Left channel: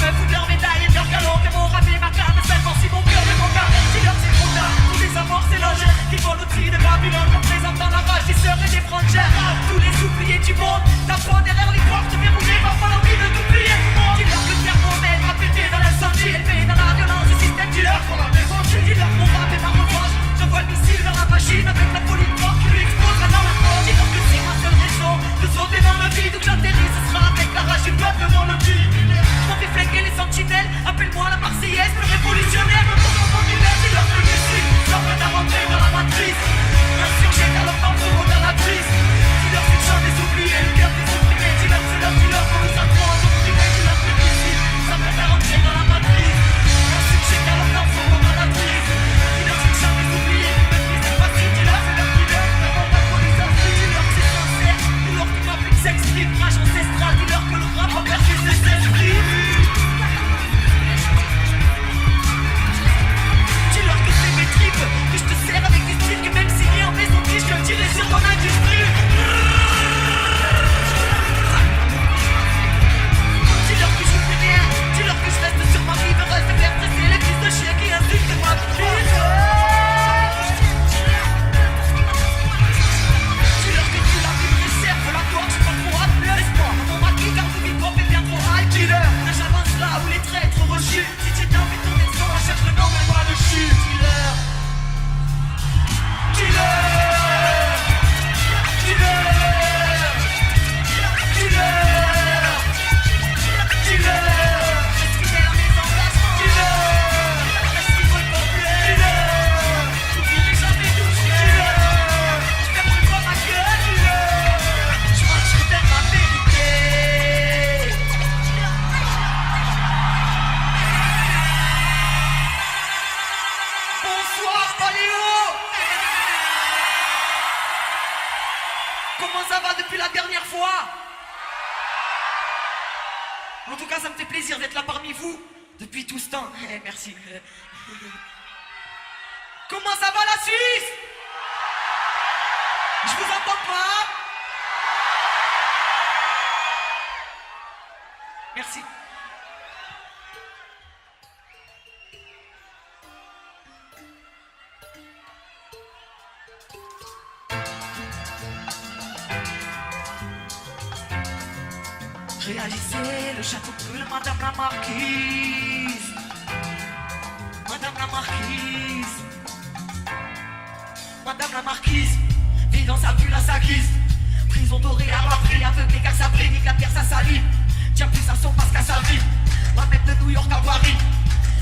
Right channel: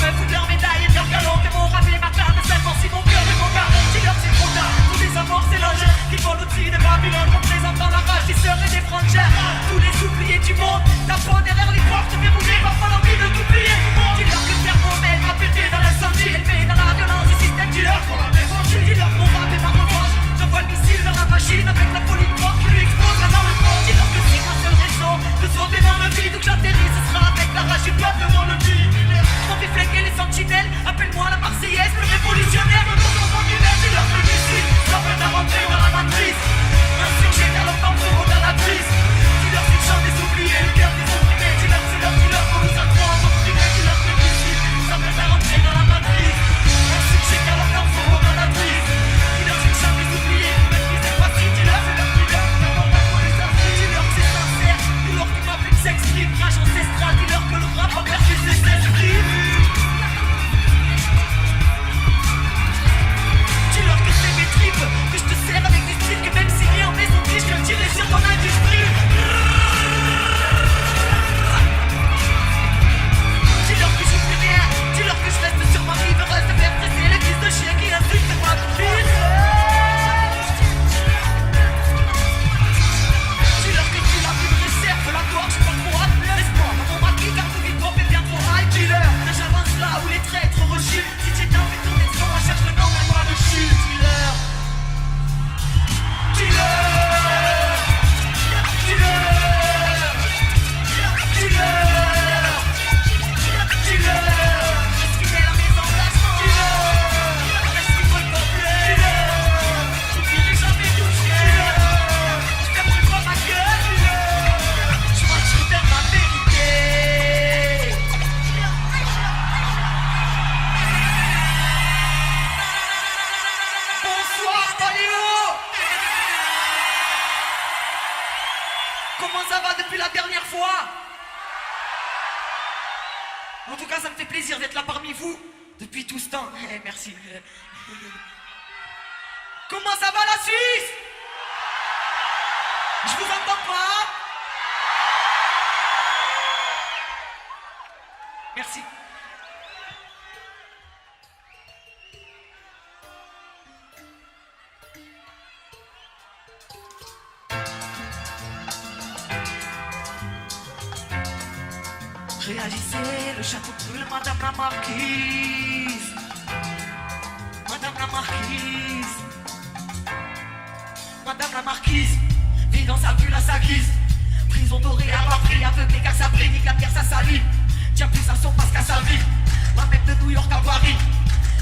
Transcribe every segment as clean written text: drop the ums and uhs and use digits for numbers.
me fous de leur médaille et leur que mon rêve est ma carte de 5 ans. Si mon cœur est mon carte, si leur c'est trop tard. Les amours c'est l'âge qui volent au-dessus de Babylone. Comme les enfants la rage, qui servent des frontières. Tous les oubliés du monde, l'argent derrière les portes. J'ai pas fallu de tout prier. Ils ont que tu m'emmènes à péter dans la sortie. Et dans la violence, et si t'es dealer, pour la maison, je dis leur combat, t'es ma combat. Je vois le missile vers la machine, avec la police qui lui explose dans le monde. Dis donc que c'est ma seule raison de sauter dans la vie, donc j'atterris, ce sera l'arrache du peuple dans le cul. Sont déflingués les sentinelles, appelle-moi la Marseillaise pour révolutionner. C'est la politique, ça peut t'arranger dans la matrice. La section à la femme, c'est mon cannabis. Tu leur fais chanter des oubliés, le cœur des ouvriers. Tu leur pour nous apprendre à nous filer, tu leur fais ici. Ça peut t'arranger dans la matrice. La section à la femme, c'est mon cannabis. Tu leur fais chanter des oubliés, c'est facile, tu leur fais la pudeur. On va pas les affaires, tu leur c'est sincère. Nous leur fais plus de sexe libre, moi je te cesse là, dis-leur que le rap va faire plus de sexe libre. Que je te sers avec des styles que même s'il y a en plaisanterie, je le dirai sur mon industrie. Dis-leur que je dis rien, dis-leur que je reste sur ma vie de reste bien stressé, les fils de chien qui insultent ma petite. Dis-leur que tu l'as plus qui sert que la gorge pour appuyer l'espoir. Ma vie car vous dites trop et bien trop high. Dis-leur que j'avance là où les traîtres rechutent. Si j'ai dans mes tournées, on cherche le nom et moi le chute. Comment ça va depuis la dernière fois? En tout cas, ça me fait plaisir d'être là parmi vous depuis tout ce temps. Merci. Comment ça va la Suisse? Je vous entends pas? Merci. Réagissez, le château brûle, madame la marquise. Madame la marquise. Madame la marquise vit dans sa bulle à sa guise. Prison dorée à l'entrée, aveuglée car ça brille, nique la pierre sa salive. Tient plus à son masque à sa vie. Va mettre de New York à Paris.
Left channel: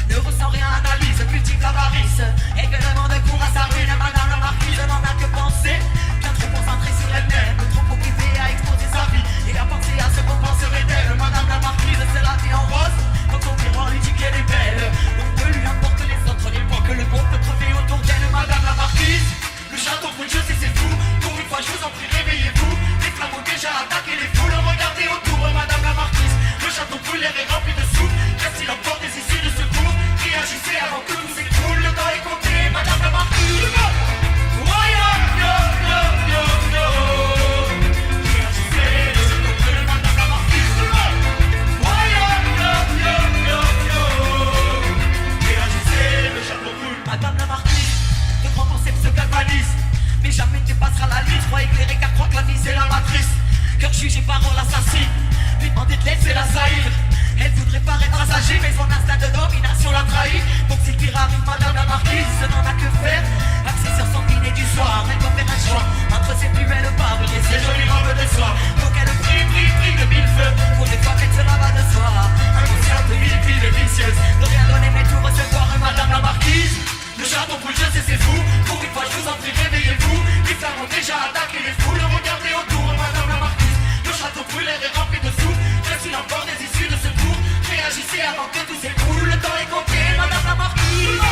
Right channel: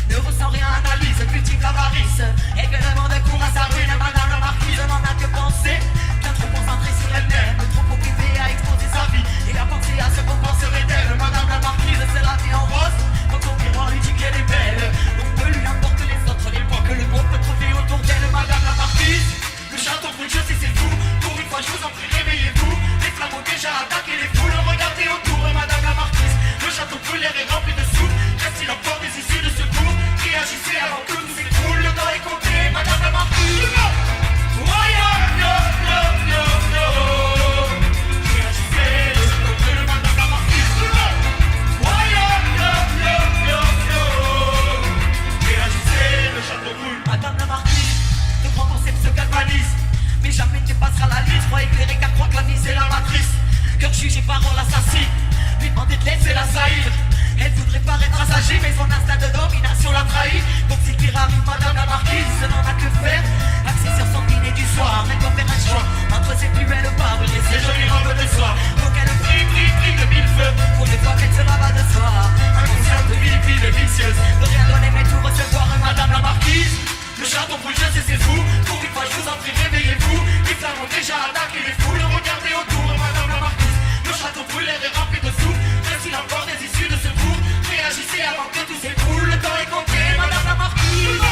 Ne ressent rien, analyse, cultive l'avarice. Et vraiment de cours à sa vie, madame la marquise n'en a que penser. Que trop concentrée sur elle-même, trop occupée à exposer sa vie. Il a pensé à ce qu'on penserait d'elle. Madame la marquise, c'est la vie en rose. Quand on verra, lui dit qu'elle est belle. Donc ne lui importe les autres, les points que le groupe peut trouver autour d'elle. Madame la marquise, le château brûle, je sais c'est fou. Pour une fois, je vous en prie, réveillez-vous. Les flammes ont déjà attaqué les foules. Regardez autour, madame la marquise. Le château brûle, l'air est rempli de sous. Même s'il a peur des issues de secours. Réagissez avant que tout s'écroule. Le temps est compté, madame la marquise. Madame la marquise, de grands concepts se galvanisent. Mais jamais tu passeras la liste. Sois éclairé car crois que la vie c'est la matrice. Cœur jugé par on l'assassine. Les bandits de l'aide c'est la saïd. Les devraient paraître assagis, mais son instinct de domination l'a trahi. Donc c'est pyramide, madame la marquise, ce n'en a que faire. Axé sur son dîner du soir, mais doit faire un choix. Entre ses plus belles parts et ses jolies robes de soie. Pour qu'elle brille de mille feux. Pour ne pas vite cela va de soi. Un ancien de mille vies délicieuses. Donc un les mecs pour recevoir madame la marquise. Le château brûle, c'est fou. Pour une fois, je vous en prie, réveillez-vous. Les flammes ont déjà attaqué les foules. Regardez autour, madame la marquise. Le château brûle, l'air est rempli de souffle. Est-il encore des issues de secours? Réagissez avant que tout s'écroule. Le temps est compté, madame la marquise.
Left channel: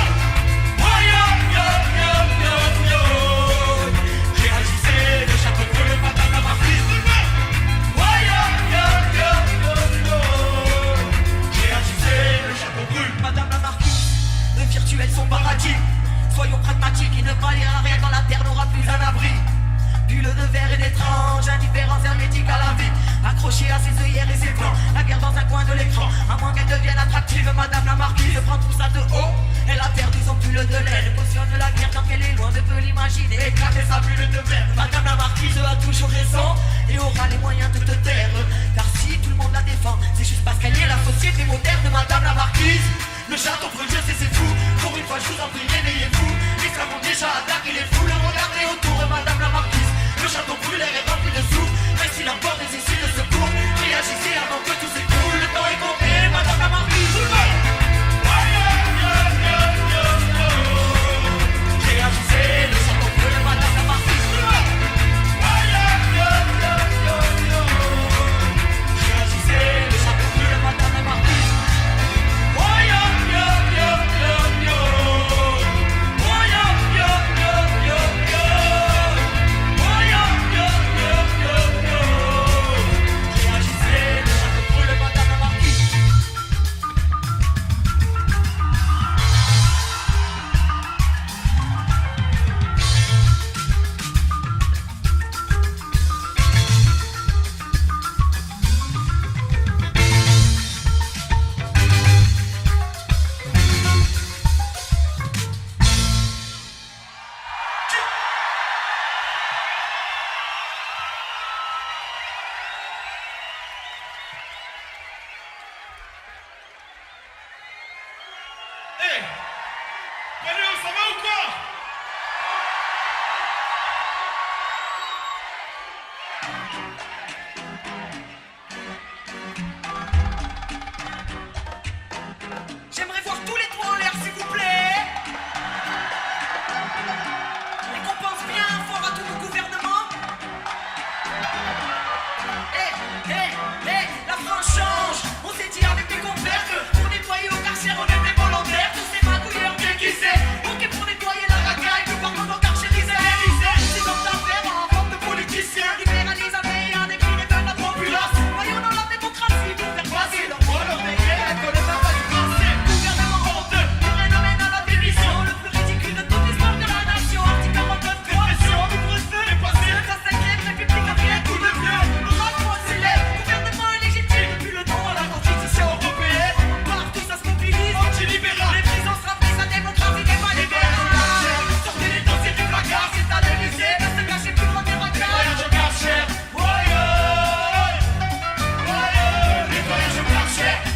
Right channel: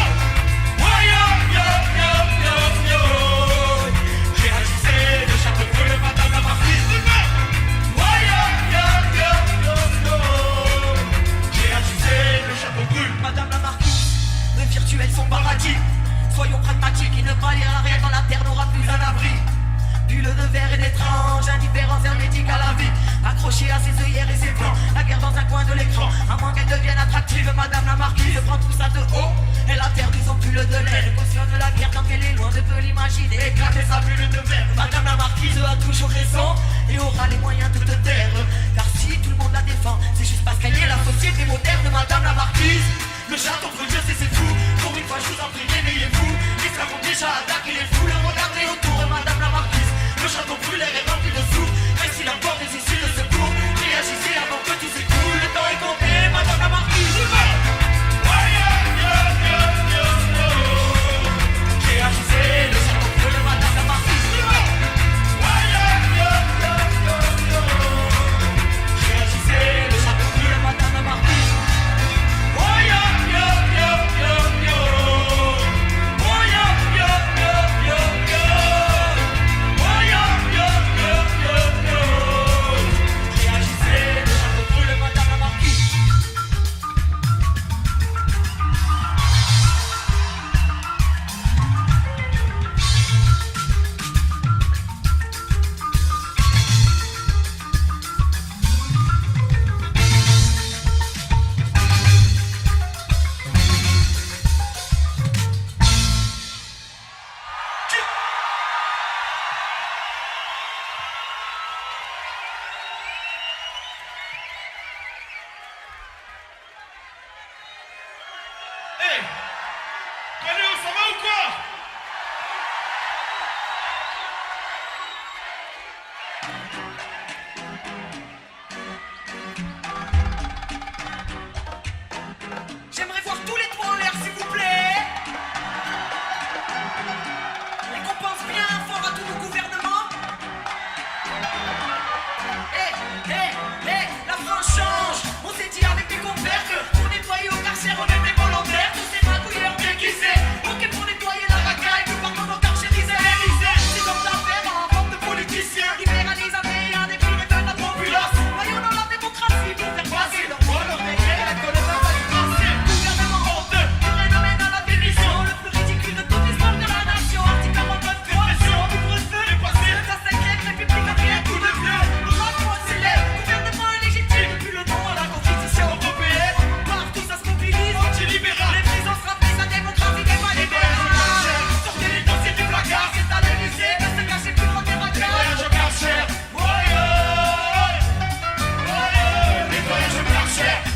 Réagissez, le château brûle, madame la marquise. Réagissez, le château brûle, madame la marquise. Les virtuels sont paradis. Soyons pragmatiques et ne pas lire à rien quand la terre n'aura plus un abri. Bulle de verre et d'étrange, indifférence hermétique à la vie. Accroché à ses œillères et ses plans, la guerre dans un coin de l'écran. À moins qu'elle devienne suivre madame la marquise, prend tout ça de haut. Et la terre nous ont plus le de l'air. Conscient de la guerre quand elle est loin, ne peut l'imaginer. Éclater sa bulle de mer. Madame la marquise a toujours raison et aura les moyens de te taire. Car si tout le monde la défend, c'est juste parce qu'elle est la société moderne de madame la marquise. Le château brûle, c'est fou. Pour une fois, je vous en prie, réveillez-vous. Les flammes ont déjà attaqué les fous. Regardez autour de madame la marquise. Le château brûle, elle est rempli de fous. Même si la peur des essuies de secours, réagissez avant que tout s'écroule. Le temps est compté, madame la marquise. Réagissez, le château brûle, madame la marquise. J'aimerais voir tous les points en l'air, s'il vous plaît. Et qu'on pense bien fort à tout le gouvernement. La France change. On s'est dit avec des compères que pour nettoyer au carcère, on est des volontaires. On s'est magouillé, on qui sait. Ok, pour nettoyer la racaille, tout comme mon carcérisé, l'Élysée. Si l'on s'en fait dans un groupe de politiciens, libéralisés et un écrit de la populace. Voyons dans la démocratie, pour faire passer leur rôle, on est que le monde est français.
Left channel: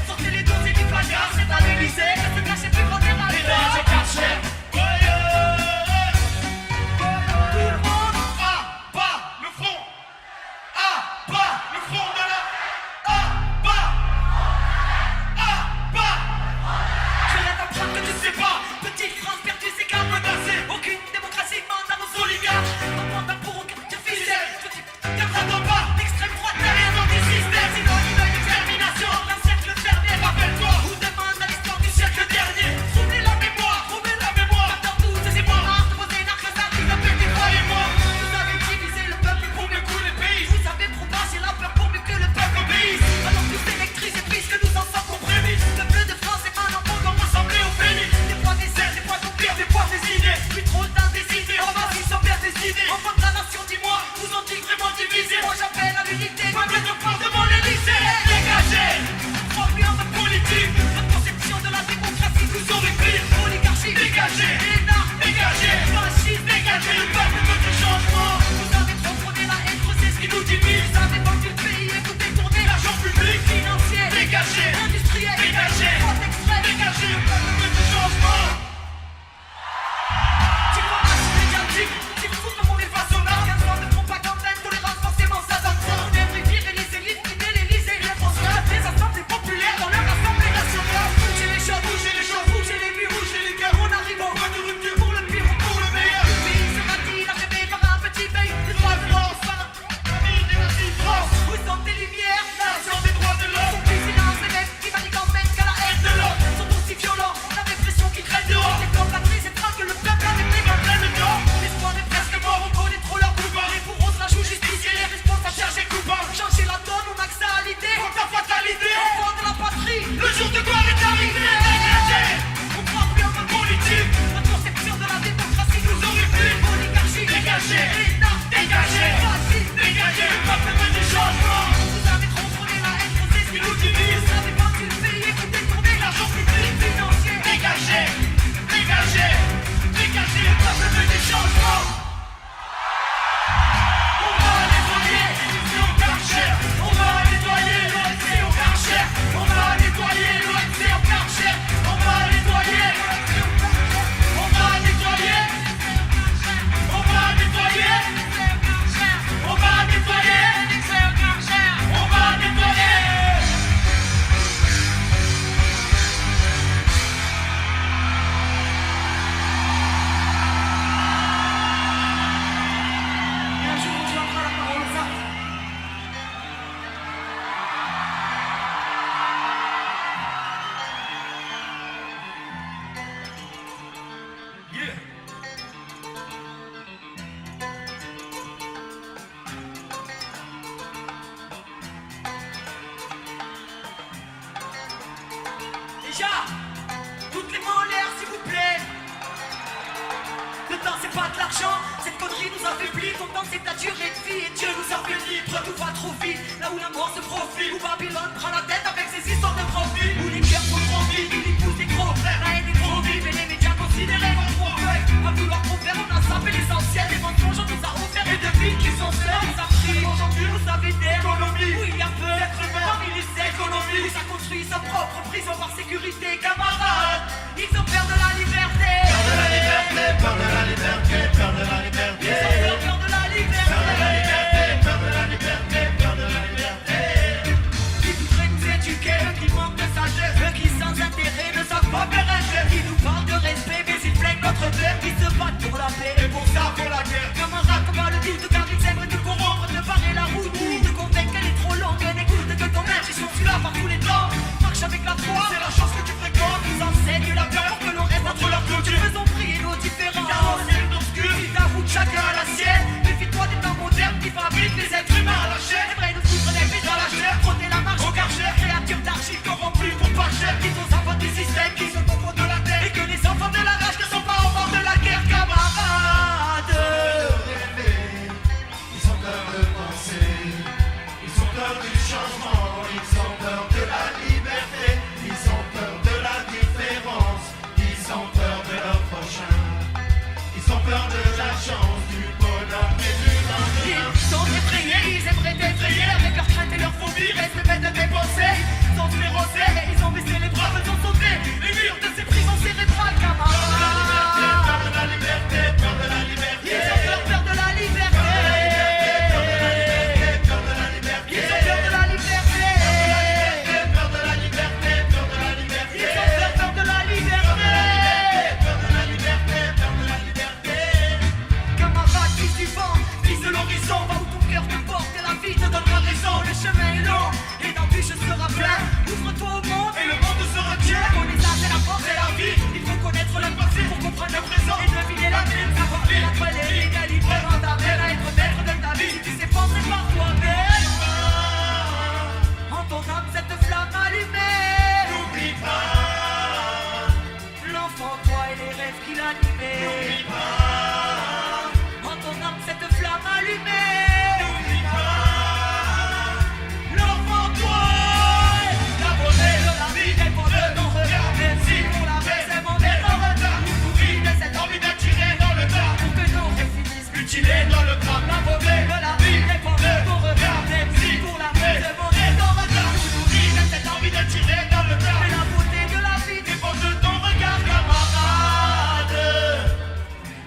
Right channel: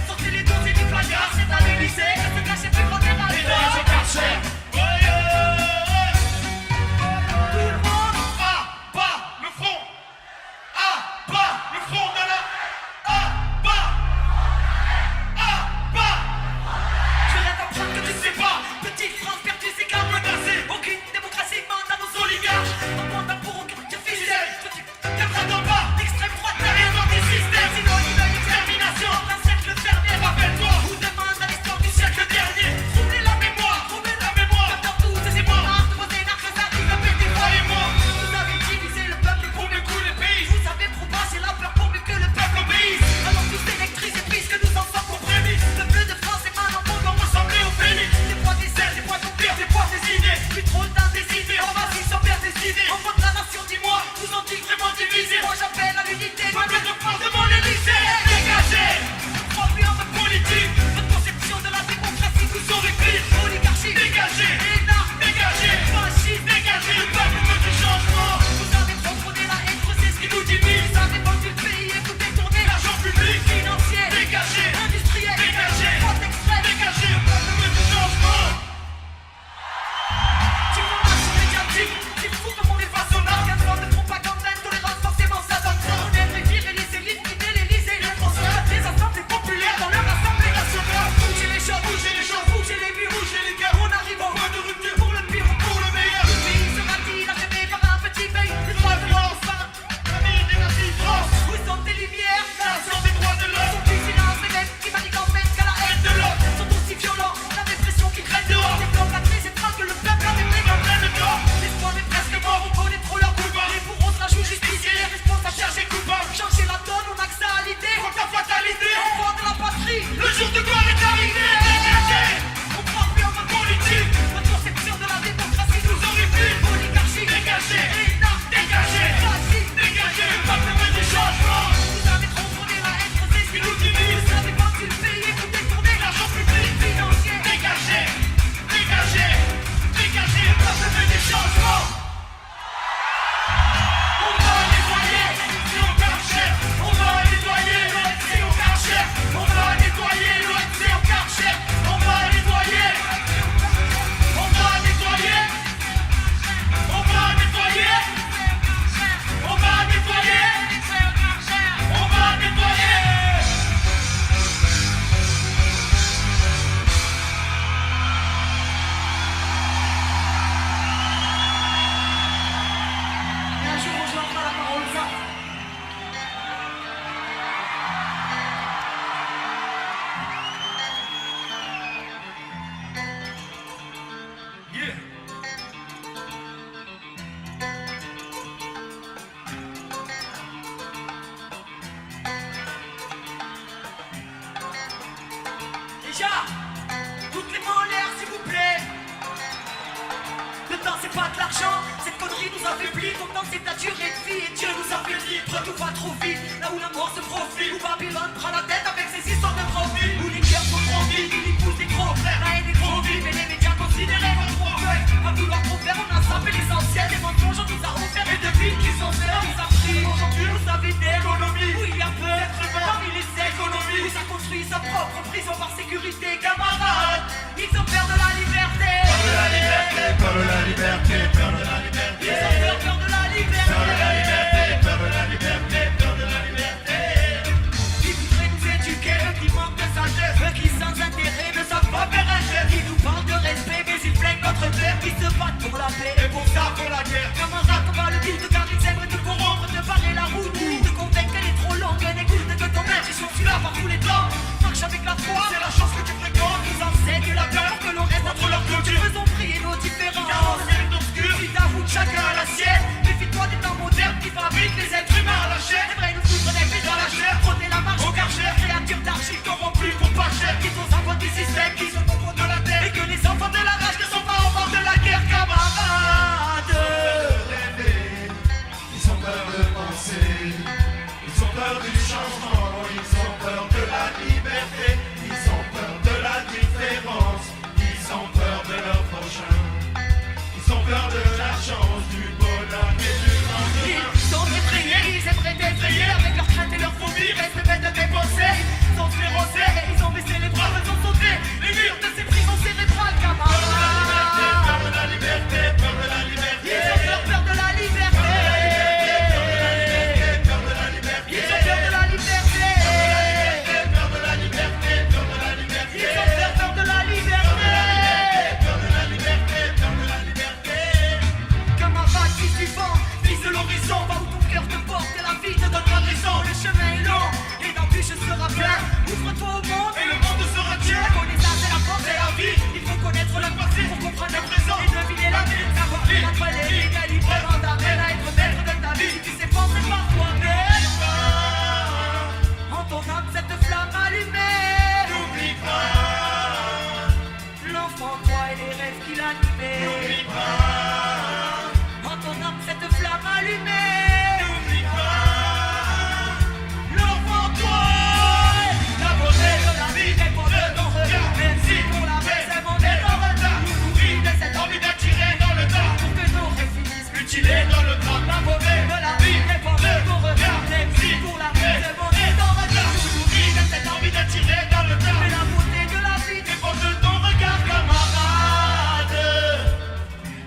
Sortez les dossiers du placard, c'est pas l'Élysée, qui se cachait plus grand que ma mère. Je cachais. Tout le monde à bas le front. À bas le front de la. À bas. À bas. Je l'entends que tu sais pas. Petite France perdue, c'est qu'à menacer. Aucune démocratie demande à nos oligarques. On compte pour aucune officielle. Petit, ne prends pas l'extrême droite derrière notre système. Sinon, il va nous termination. Vous demande à l'histoire du siècle dernier. Souvenez la mémoire, remets la mémoire. Dans tous ces émoires, vous posez la creuse qui va péter pas les morts. Vous avez divisé le peuple pour le coup de pays. Vous avez proposé l'empereur pour que le peuple obéisse. Alors plus électrice et puisque nous en sommes compris. Le peu de France et maintenant tout nous ressembler au pays. Des poids d'essais, des poids d'oubli, des poids des idées. Des trop d'indécisés, on va y sortir des idées. On vote la nation, dis-moi, nous en tous vraiment divisés. Moi j'appelle à l'unité, peuple de France de mon Élysée. Dégagez! De conception de la démocratie, nous sommes les pires. Oligarchie dégagée, dégagée, fascisme dégagé. Le peuple veut du changement. Nous avons contrôlé la vie, c'est ce qui nous divise. Ça dépend du pays et tout détourner l'argent public. Financier, dégagé, industriel, dégagé, extrait, dégagé. Le peuple veut du changement. Tu vois, je suis médiatique. Tu veux tout le monde est face en bas. Un plan de propagande, intolérance, forcément ça donne trop. On est réduire et les élites, on est l'Élysée. Les Français, les assemblées populaires dans leur assemblée nationale. Bougez les chats, bougez les chats, bougez les murs, bougez les gars. On arrive en point de rupture pour le pire, pour le meilleur. Et ce matin, rêver d'avoir un petit pays. Les droits de l'homme, ça, la meilleure des nations, France. Vous sentez lumière, nation de droits de l'homme. dégagez, dégagez, ça peut faire des changements. On va nettoyer l'NC au Karcher. On va nettoyer l'NC au Karcher. On va nettoyer l'NC au Karcher. On va nettoyer. On va nettoyer. On va nettoyer. On va nettoyer. On va nettoyer. Déjà, toutes les molaires s'il vous plaît. Le temps c'est pas de l'argent, cette connerie nous affaiblit. Pendant que ta durée de vie et Dieu nous a fait vivre. Tout va trop vite, là où la mort se profile. Où Babylone prend la tête avec ses histoires de profil. Où les guerres sont tranquilles, ils poussent des gros. La haine est trop vive et les médias considérés comme problème. À vouloir confère, on a zappé l'essentiel. Les mensonges, on nous a offert des devis qui sont seuls. Nous a pris aujourd'hui, vous savez des économies. Où il y a peu d'être humain parmi les économies. Où ça construit sa propre prison par sécurité, camarades. Ils ont peur de la liberté. Peur de la liberté, peur de la liberté, peur de la liberté. Ils ont peur de la liberté. Peur de la liberté, peur de la liberté, peur de la liberté. Tout qui veut nous éduquer, eux qui manquent de sagesse, eux qui sans intérêt ne savent pas faire un geste. Ils nous parlent de respect, mais ils plainent contre eux qui se battent pour la paix et pour ça pour la guerre. Camarades, on va le dire, de garder celle de corrompre, de barrer la route, de convaincre qu'elle est trop longue, on écoute que ton âge, je suis là par tous les temps. Marche avec la foi, c'est la chose que tu fréquentes. Nous enseigne la peur que l'on reste entre leurs cultures. Faisons prier nos différences. Ils avouent chacun la sienne. Méfie-toi des pas modernes qui fabriquent les êtres humains à la chaîne. Ils nous foutent des pieds dans la chair. Prôner la marche au Karcher. Créatures d'argile corrompues pour pas cher. Ils sont enfants du système, qui sont au fond de la terre. Et que les enfants de la rage ne sont pas au bord de la guerre, camarades. Ils ont peur de penser. Ils ont peur du changement. Ils ont peur de la liberté. Ils ont peur de la différence. Ils ont peur de la prochaine. Ils ont peur de la chance, du bonheur et du bonheur. Ils sont effrayés, ils aimeraient t'effrayer. Avec leur crainte et leur phobie, restent bêtes de dépenser. Ils sont sclérosés, ils ont baissé les droits, ils ont sauté. Les murs de ces prisons, c'est des droits, camarades. Peur de la liberté, peur de la liberté. Ils ont peur de la liberté. Peur de la liberté. Ils ont peur de la liberté. Peur de la liberté, peur de la liberté. Ils ont peur de la liberté. Peur de la liberté, peur de la liberté. Camarades, fils du vent, fils de l'horizon, va où ton cœur te porte et la vie te donne raison. Le chemin est long et l'embûche sera plein. Ouvre-toi au monde et le monde sera Dieu. La connaissance va porter la vie. Il faut connaître le passé pour comprendre le présent et deviner l'avenir. Savoir vivre entre les légal, libre, mandarin, à être maître de ta vie. Tu sais pas c'est par toi-même. En ton âme, cette flamme allumée. N'oublie pas, L'enfant, toi et les rêves qui l'animaient. n'oublie pas, En ton âme, cette flamme allumée. n'oublie pas. L'enfant, toi. La beauté de la vie, quel bonheur d'en regard. Même si on la baisse, c'est mon regard. Nous nourrit de cette envie d'attirer dans le corps. Pour que l'on reste mutilé dans le corps. La beauté de la vie, quel bonheur d'en regard. Même si on la baisse, c'est mon regard. Nous nourrit de cette envie d'attirer dans le corps. La beauté de la vie, dépend de ton regard, camarade.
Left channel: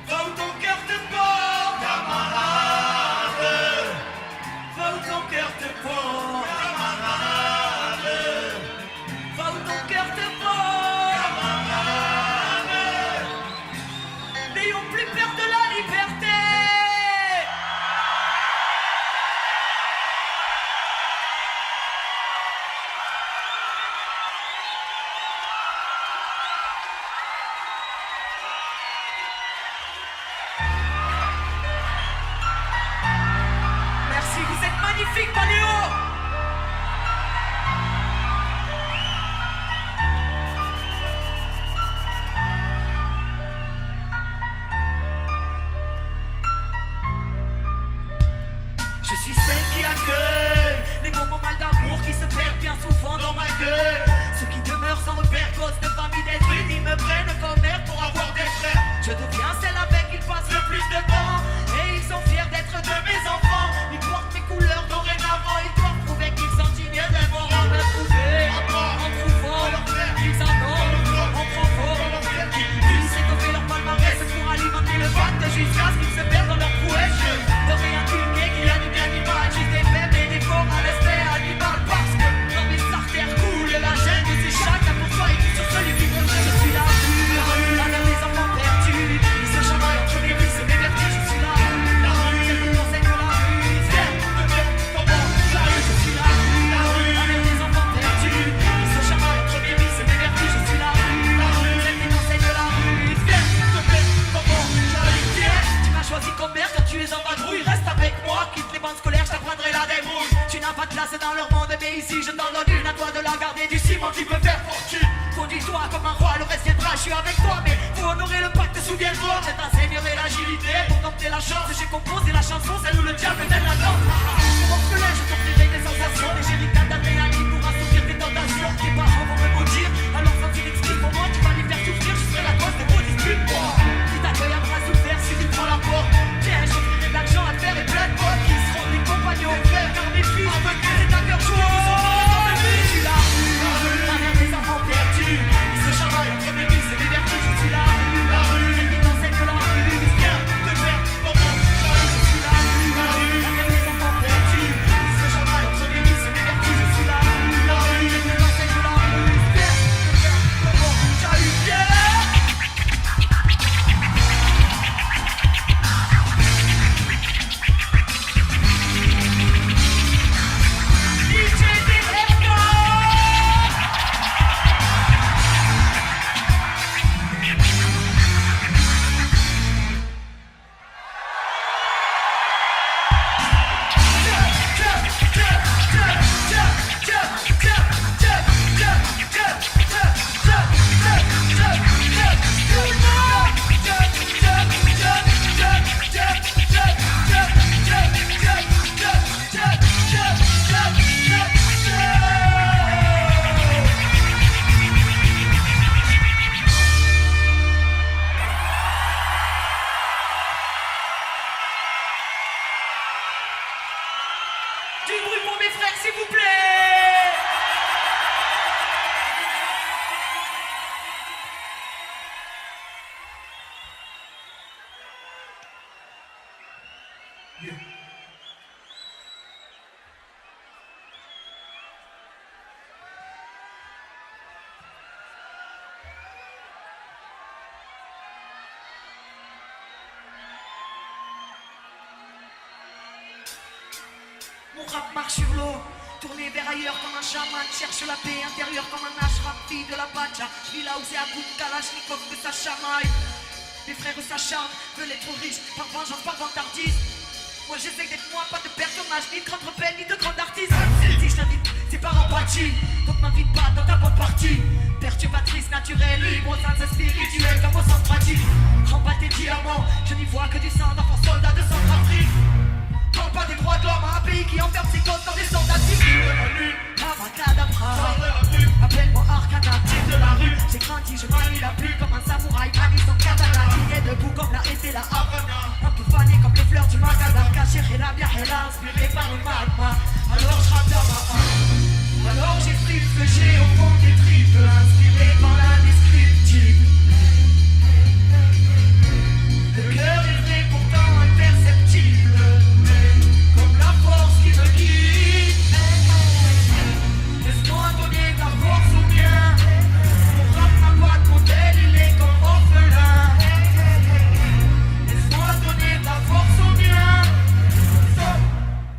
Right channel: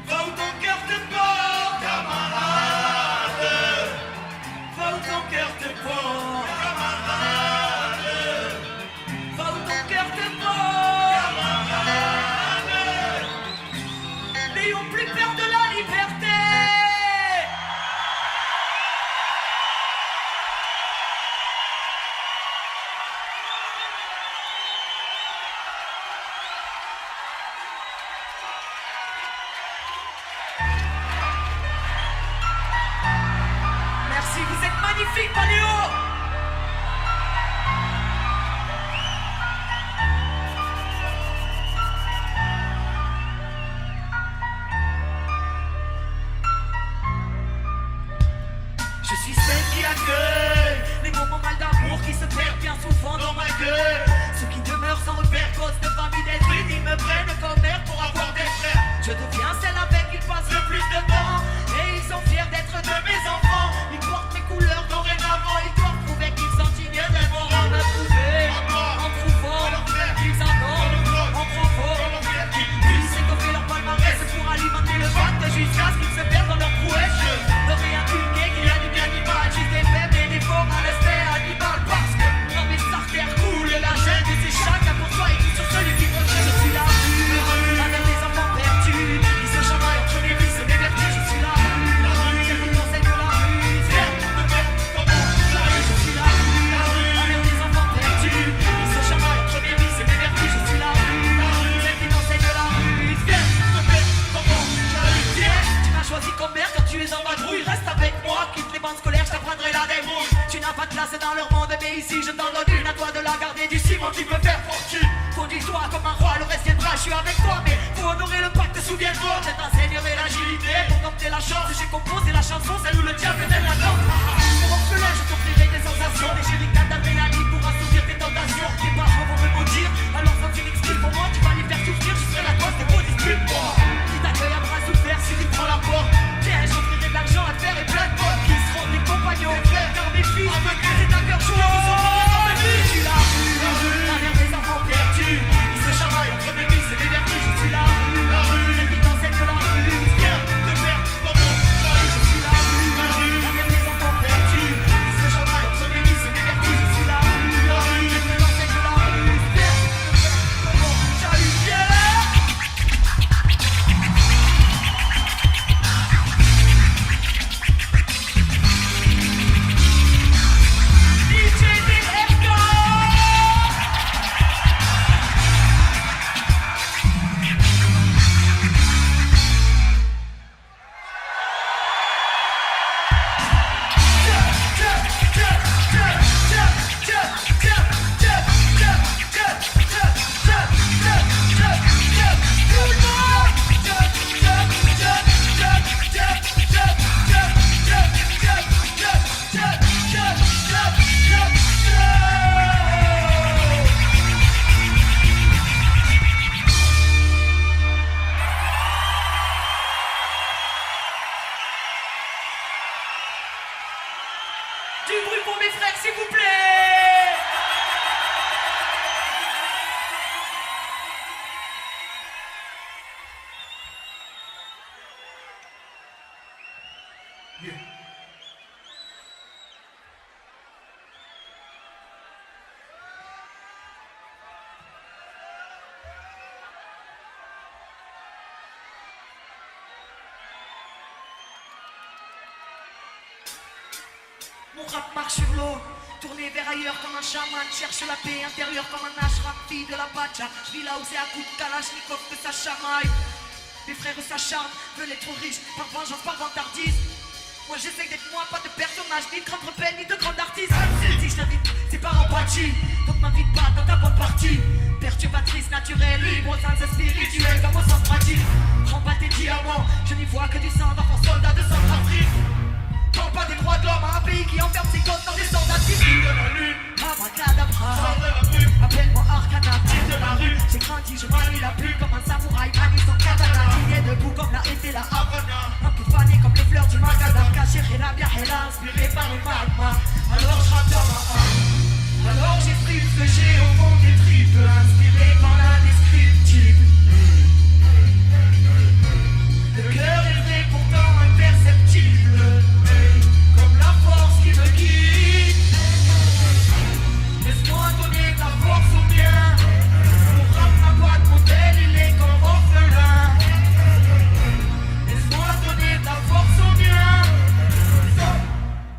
Va où ton cœur te porte, camarade. Va où ton cœur te porte, camarade. Va où ton cœur te porte, camarade. N'ayons plus peur de la liberté. Merci, vous êtes magnifiques, Paléo. Je suis ceux qui accueillent les moments mal d'amour qui se perdent bien souvent dans ma gueule. Ceux qui demeurent sans repère, cause de famille d'être unis, me prennent comme aide pour avoir des Je deviens celle avec qui passe le plus de temps. Et ils sont fiers d'être de mes enfants. Ils portent mes couleurs dorénavant. Ils doivent prouver qu'ils sont dignes des morts. On va prouver en trouvant. Ils adorent en propos. Ils s'est tombé leur palmarès pour alimenter le pacte jusqu'à ce qu'ils se mettent dans leur prouesse. Je n'aurais inculqué qu'il y a du bien d'image. Juste des bébés, des corps à l'espère animal. Parce que dans mes artères coule la chaîne de ces chacun pour toi et tout sur celui qui veut. Je suis là, la de mes enfants perdus. Ils se chamaillent entre les vies, c'est négatif, je suis là. La rue, je vous conseille de la rue. Viens, je suis là, avec mes enfants perdus. Ils se chamaillent entre les vies, c'est négatif, je suis là. La rue, je vous conseille de la rue. Viens, tu m'as choisi comme mère car tu es en vadrouille. Reste avec moi, quitte les bandes scolaires, je te prendrai la débrouille. Tu n'as pas de place dans leur monde, mais ici je t'en donne une à toi de la garder du ciment qui peut faire fortune. Conduis-toi comme un roi, le reste viendra, je suis avec toi. Mais pour honorer le pacte, souviens-toi, je t'enseignerai l'agilité. Pour dompter la chance, j'ai composé la chanson, celle où le diable est dans la danse. Pour enculer, je te priverai des sensations, des gélicats d'adrénaline pour assouvir tes tentations. Tes parents vont me maudire, alors quand tu m'expliques comment tu vas les faire souffrir, je serai la cause des positifs. Qui t'a créé un bras ouvert si tu prends la porte. Tiens, je ferai d'argent à faire et plein de potes qui seront des compagnons. Car mes fils, ma cœur est un cœur chaud, ils sont dans les bords. Je suis là, avec mes enfants perdus. Ils se chamaillent, je me dis, c'est l'énergie, je suis là. La rue, les filles, c'est de l'envie. Viens, de merde, comment je suis là. Avec mes enfants perdus. Ils se chamaillent, je me dis, c'est l'énergie, je suis là. La rue, les filles, c'est de l'envie. Viens, salut, viens. Du bruit pour mes frères, s'il vous plaît. Mon rap marche sur l'eau, tourné vers ailleurs comme un chaman. Cherche la paix intérieure comme un ashram, fille de la bacha. Je vis là où c'est à coup de kalachnikov que ça chamaille. Mes frères s'acharnent, veulent être trop riches, parfois j'ose pas vantardise. Moi j'essaie d'être moi, pas de personnage, ni de grande peine, ni de grande artiste. Si je t'invite, c'est par empathie, donc m'invite pas dans ta bonne partie. Perturbatrice, naturelle, libre, au sens spirituel, dans mon sens tranquille. Remballe tes diamants, je n'y vois que du sang d'un faux soldat de centrafrique. Prends pas des droits d'homme à un pays qui enferme ses comptes dans des soldats civils de la lune. Abracadabra, appelle-moi Arcana, type de la rue. J'ai grandi, j'ai pas mis la pluie comme un samouraï. Traduit son katana, il est debout comme la été la Havana. On peut faner comme les fleurs du macadam. Caché et la bière, elle a inspiré par le magma. Alors je rappe dans ma âme. Alors j'explique ce que j'ai au fond des tripes, inspiré par la descriptive. Le cœur est vrai, pourtant imperceptible. Comme la force qui me guide. Laisse-moi donner ta force au bien. Frappe la voix de modèle, il est comme orphelin. Laisse-moi donner ta force au bien.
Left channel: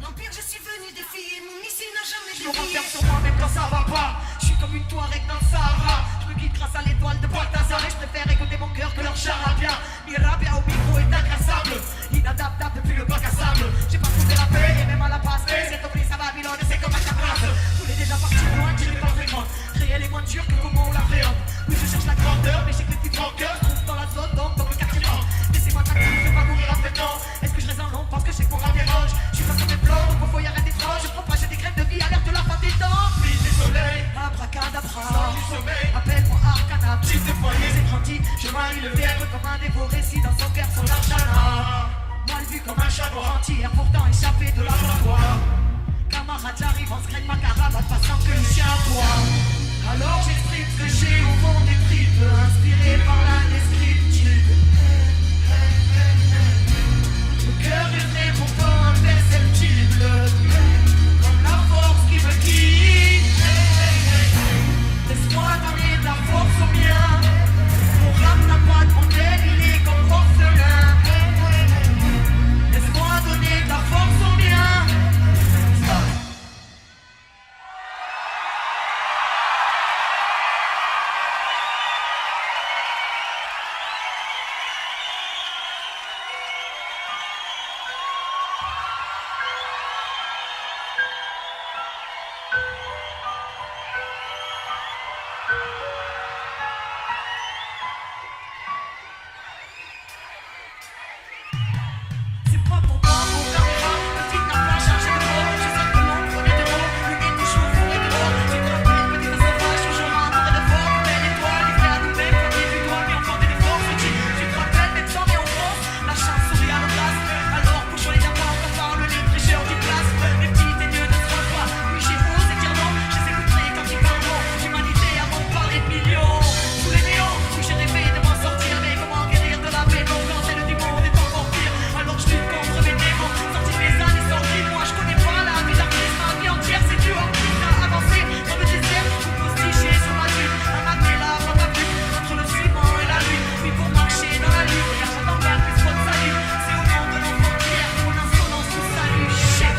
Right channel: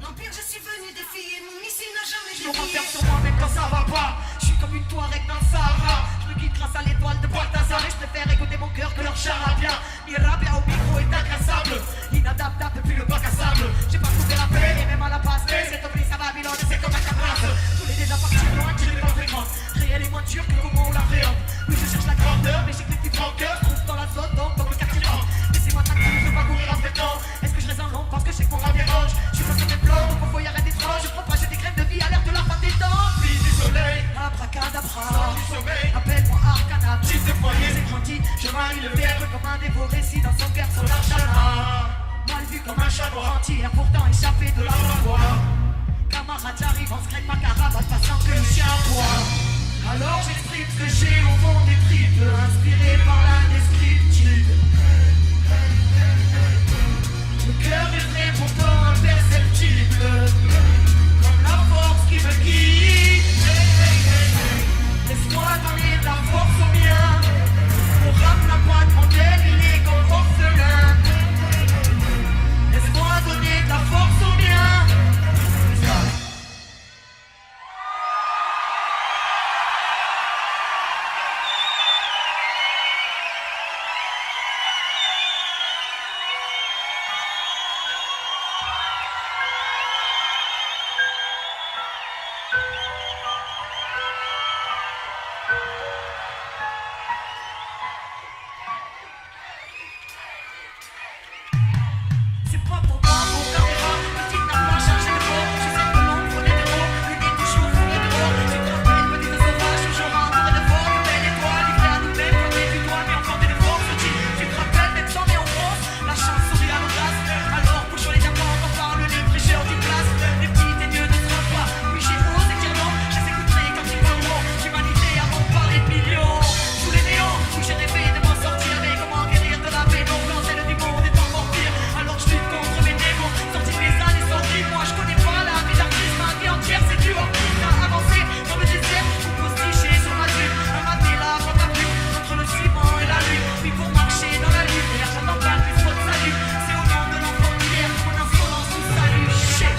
L'Empire, je suis venu défier mon missile n'a jamais Je me renverse sur moi-même que ça va pas. Je suis comme une Touareg dans le Sahara. Je me guide grâce à l'étoile de Balthazar. Et je préfère écouter mon cœur que leur charabia. Ni rap et au micro est agressable. Inadaptable depuis le bac à sable. J'ai pas trouvé la peine et même à la passe. Mais c'est tombé sa Babylone, c'est comme un camarade. Vous les déjà partis loin, tu les pas fréquentes. Créer les moins durs que comment on la fait. Oui, je cherche la grandeur, mais j'ai que des petites rancœurs. Je trouve dans la zone, dans le quartier. Laissez-moi tranquille, je veux pas mourir en fait. Est-ce que je reste en long parce que c'est pour un virage? Je suis pas sur des pleurs, donc faut y arrêter trop. Je propager des graines de vie à l'heure de la fin des temps. Puis désolé, point d'apprendre. Appelle-moi Arcana, tu te crois que c'est gentil. Je manie le verbe comme un dévoré si dans ce cœur son mal vu comme un chat entier, pourtant échappé de la mort. Camarade, j'arrive en secret, ma caravane, patient que les chiens boivent. Alors j'exprime ce que j'ai au fond des tripes, inspiré par la descriptive. Le cœur est pourtant imperceptible, comme la force qui me quitte. Laisse-moi marier ta force au mien, mon rap n'a pas de problème, il est comme orphelin. Laisse-moi donner ta force au mien. C'est pas pour moi, mon gars. Tu n'as pas cherché le mot. Je sais que mon premier de l'eau. Lui met toujours pour le mot. Tu te rappelles, petit sauvage, toujours un tour de fort. Mais l'étoile, il fait à tout faire. Comme les étoiles, mais encore des forces. Tu te rappelles, mais tant et on pense. La chance sourit à l'embrasse. Alors, pour jouer de cœur, on parle les tricheurs du classe. Les petits et Dieu d'autres fois. Oui, chez vous, c'est dur, non. Je sais écouter quand tu parles non. Tu m'as dit avant de parler de millions. Tous les néons. Oui, j'ai rêvé de m'en sortir. Mais comment guérir de la mémoire. C'est le du monde et de mentir. Alors, je lutte contre les démons. Sortis les uns, les sortis. Moi, je connais pas la vie d'artiste. La vie entière, c'est dur. À avancer, comme je disais. Pour se tricher sur la vie. Un matin là, on va plus. Entre le ciment et la rue. Puis pour marcher dans la nuit. Je t'en parle, mais c'est votre salut. C'est au nom de l'enfant. Mon insolence, tout salut. Shit.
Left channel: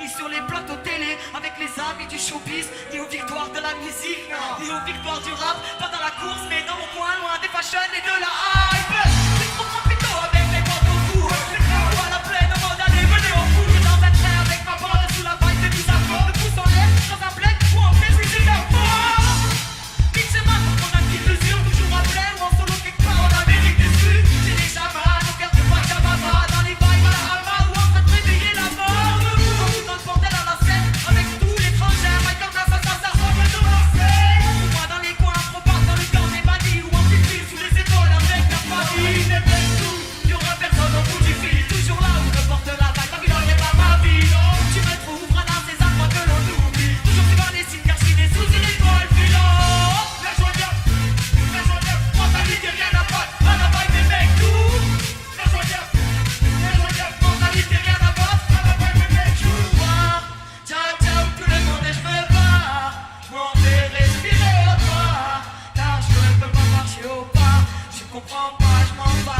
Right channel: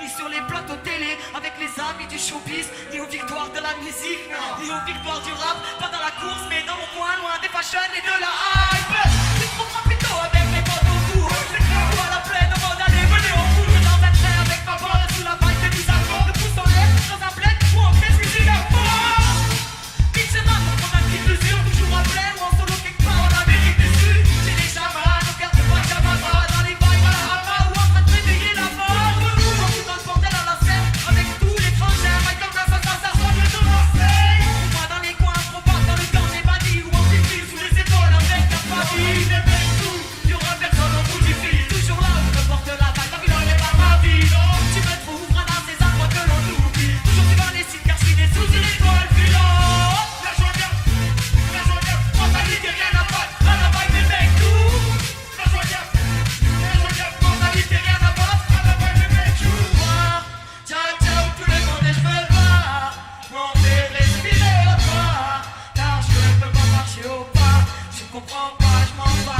Ni sur les plateaux télé avec les amis du showbiz, ni aux victoires de la musique, ni aux victoires du rap, pas dans la course, mais dans mon coin, loin des fashion et de la hype. C'est trop moi plutôt avec mes potes autour. C'est trop à la plaine, en mode aller venir en cours. Dans un train avec ma bonne sous la vague de mise à fond. Le pouce en l'air, dans un bled ou en pleine musique à fond. C'est mal pour ton institution, je me rappelle, ou en solo quelque part en Amérique du Sud. J'ai les chamas, on garde pas de chababa, dans les bails à la hama, ou en train de traiter la mort. Tu comprends pas, je m'en bats.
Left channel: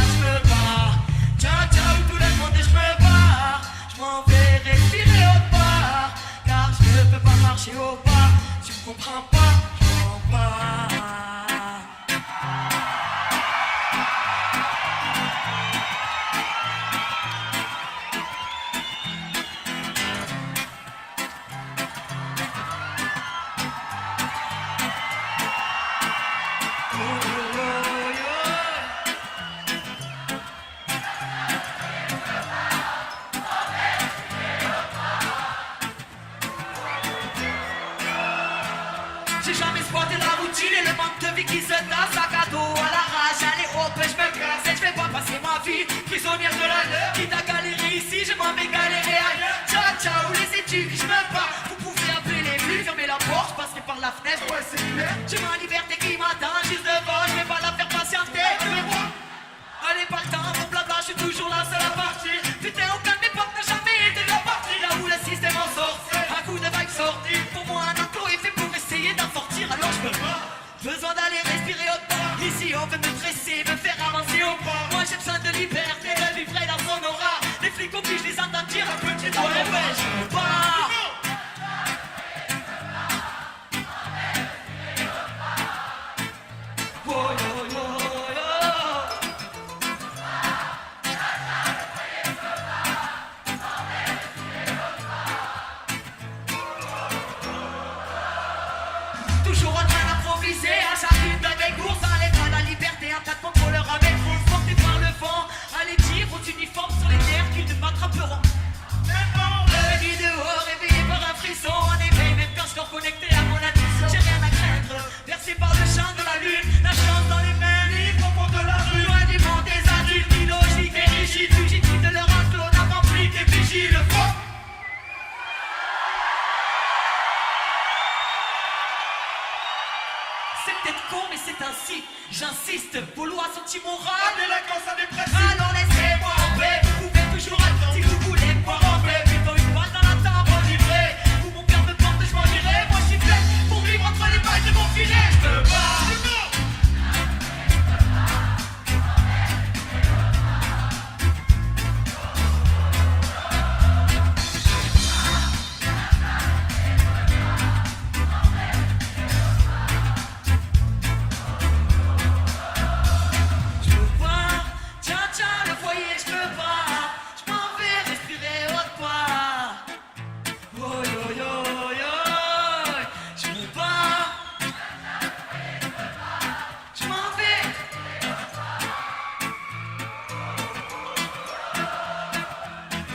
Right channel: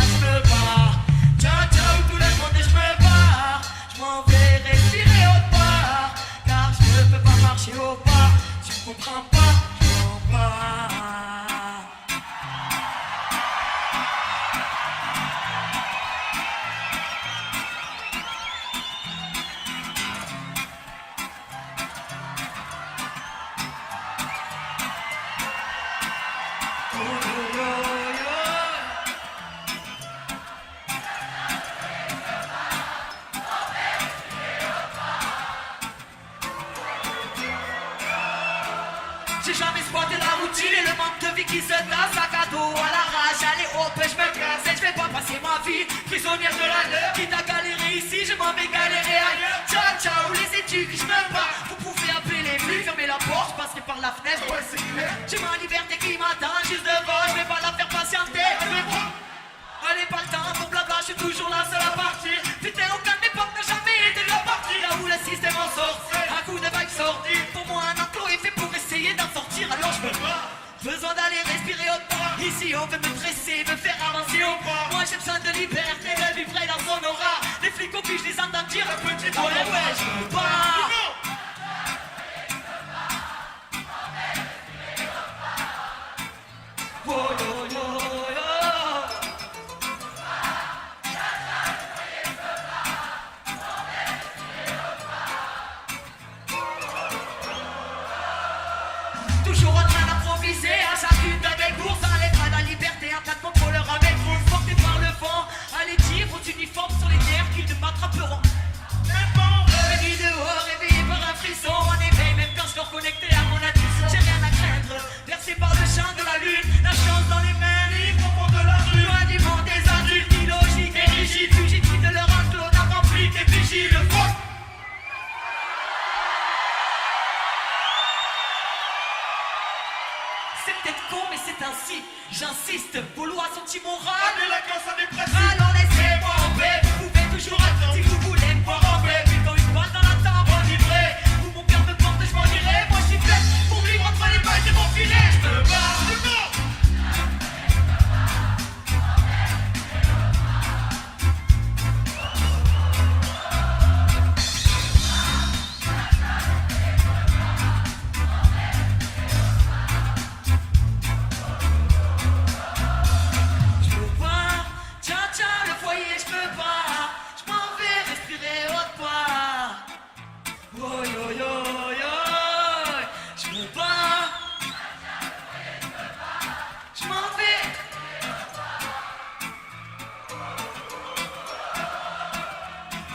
J'ai jamais squatté la routine et le menteur. si, j'insiste, vos lois sont immorales. La délinquance a des principes. Allons laissez-moi en paix, vous pouvez toujours attendre si vous voulez pas en paix. J'ai dans une balle dans la table enivrée, où mon père de porte je m'en irai. Moi je suis fait pour vivre entre les balles de mon filet. Je me bats.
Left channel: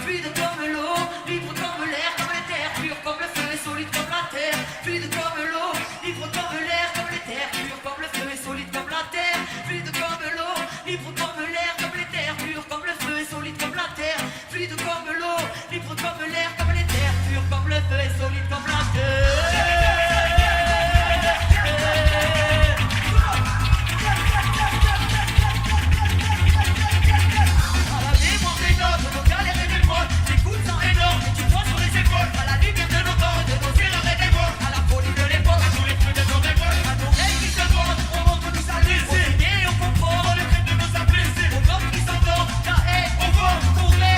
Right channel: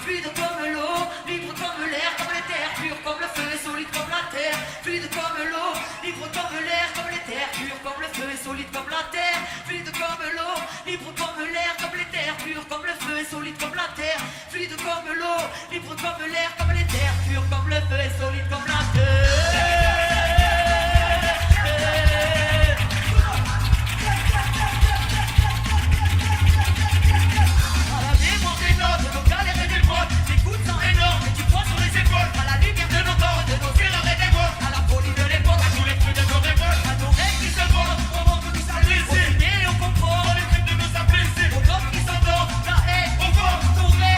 Fluide comme l'eau, libre comme l'air, comme les terres, pur comme le feu et solide comme la terre. Fluide comme l'eau, libre comme l'air, comme les terres, pur comme le feu et solide comme la terre. Fluide comme l'eau, libre comme l'air, comme les terres, pur comme le feu et solide comme la terre. Fluide comme l'eau, libre comme l'air, comme les terres, pur comme le feu et solide comme la terre. Les coups sont énormes et tu prends sur les épaules. À la lumière de nos corps, devancer la reine des bois. À la folie de l'époque, à tous les cris de jour de vol. À ton règne qui se vend, pendant que nous s'apprécie. Au soulier, on comprend les cris de nous apprécier. Le corps qui s'entend, la haine, on va tourner,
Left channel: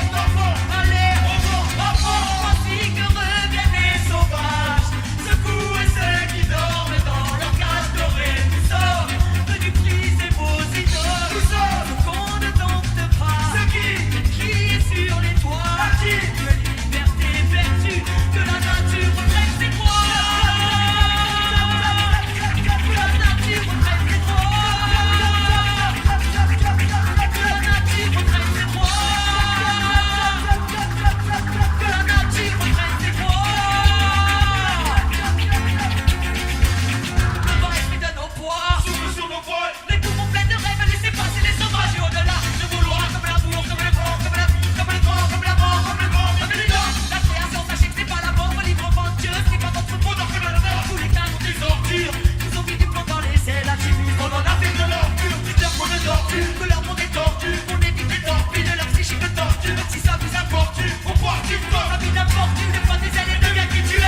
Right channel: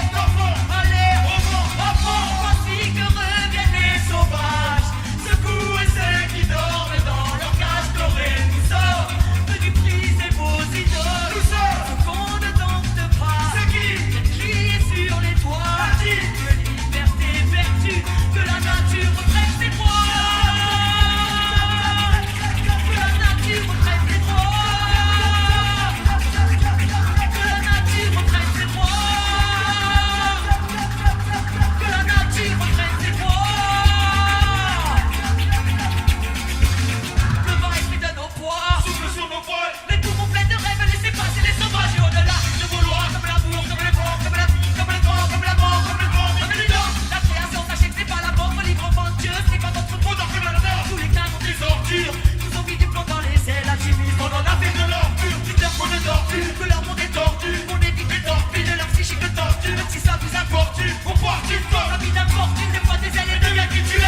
allez, on va apprendre. Voici que reviennent les sauvages. Secouez ceux qui dorment dans leur cage dorée. Nous sommes venus briser vos idoles. Nous sommes au fond des domptes pas. C'est qui est sur les toits. De liberté perdue, que la nature reprenne ses droits. Que la nature reprenne ses droits. Que la nature reprenne ses droits. Que la nature reprenne ses droits. Qu'on va rester de nos poids, Souffle sur nos poils. les poumons pleins de rêves, laissez passer les sauvages. Et au-delà de vos lois, comme l'amour, comme le vent, comme le vent, comme la mort, comme le vent, comme les dents. La création, sachez que c'est pas la mort, pas libre avant Dieu. C'est que notre trou dans la terre, tous les canons des ordures. Nous ont mis du plomb dans les ailes, un chimie, on en a fait de l'empire. C'est que pour le tortue, que l'amour des tortues. On évite de tortues, et leur psychique de torture. Si ça vous importune, pourquoi qu'ils sortent la vie d'importune, des fois des années, des gars qui tuent.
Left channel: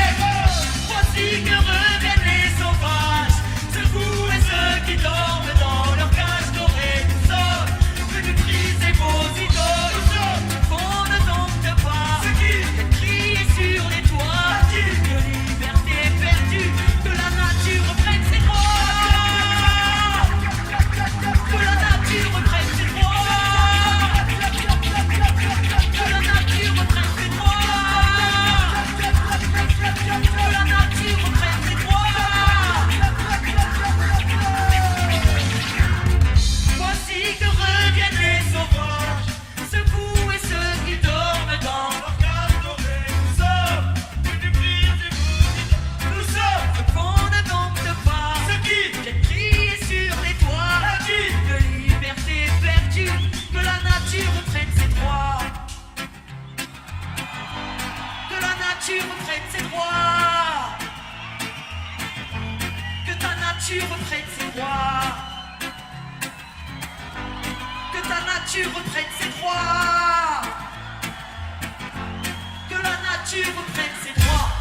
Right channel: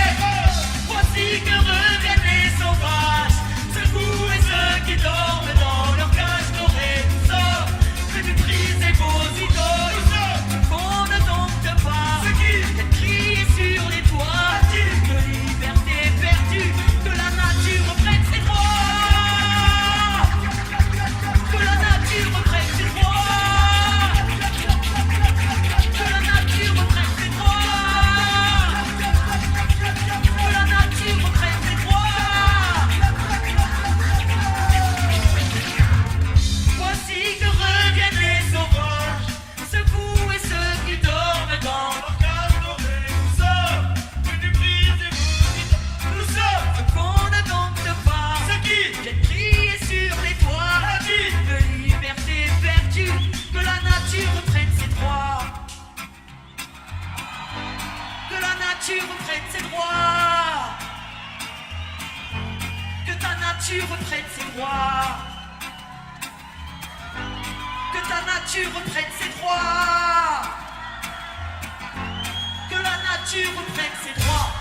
Voici que reviennent les sauvages. Secouez ceux qui dorment dans leur cage dorée. Nous sommes venus briser vos idoles. Nous sommes qu'on ne dompte pas. C'est qui est sur le toit. De liberté perdue, que la nature reprenne ses droits. Que la nature reprenne ses droits. Que la nature reprenne ses droits. Que la nature reprenne ses droits. Voici que reviennent les sauvages. Secouez ceux qui dorment dans leur cage dorée. Nous sommes venus briser vos idoles. Nous sommes ce qu'on ne dompte pas. Ce qui est sur les toits. De liberté perdue, que la nature reprenne ses droits. Que la nature reprenne ses droits. Que ta nature reprenne ses droits. Que ta nature reprenne ses droits. Que la nature reprenne ses droits.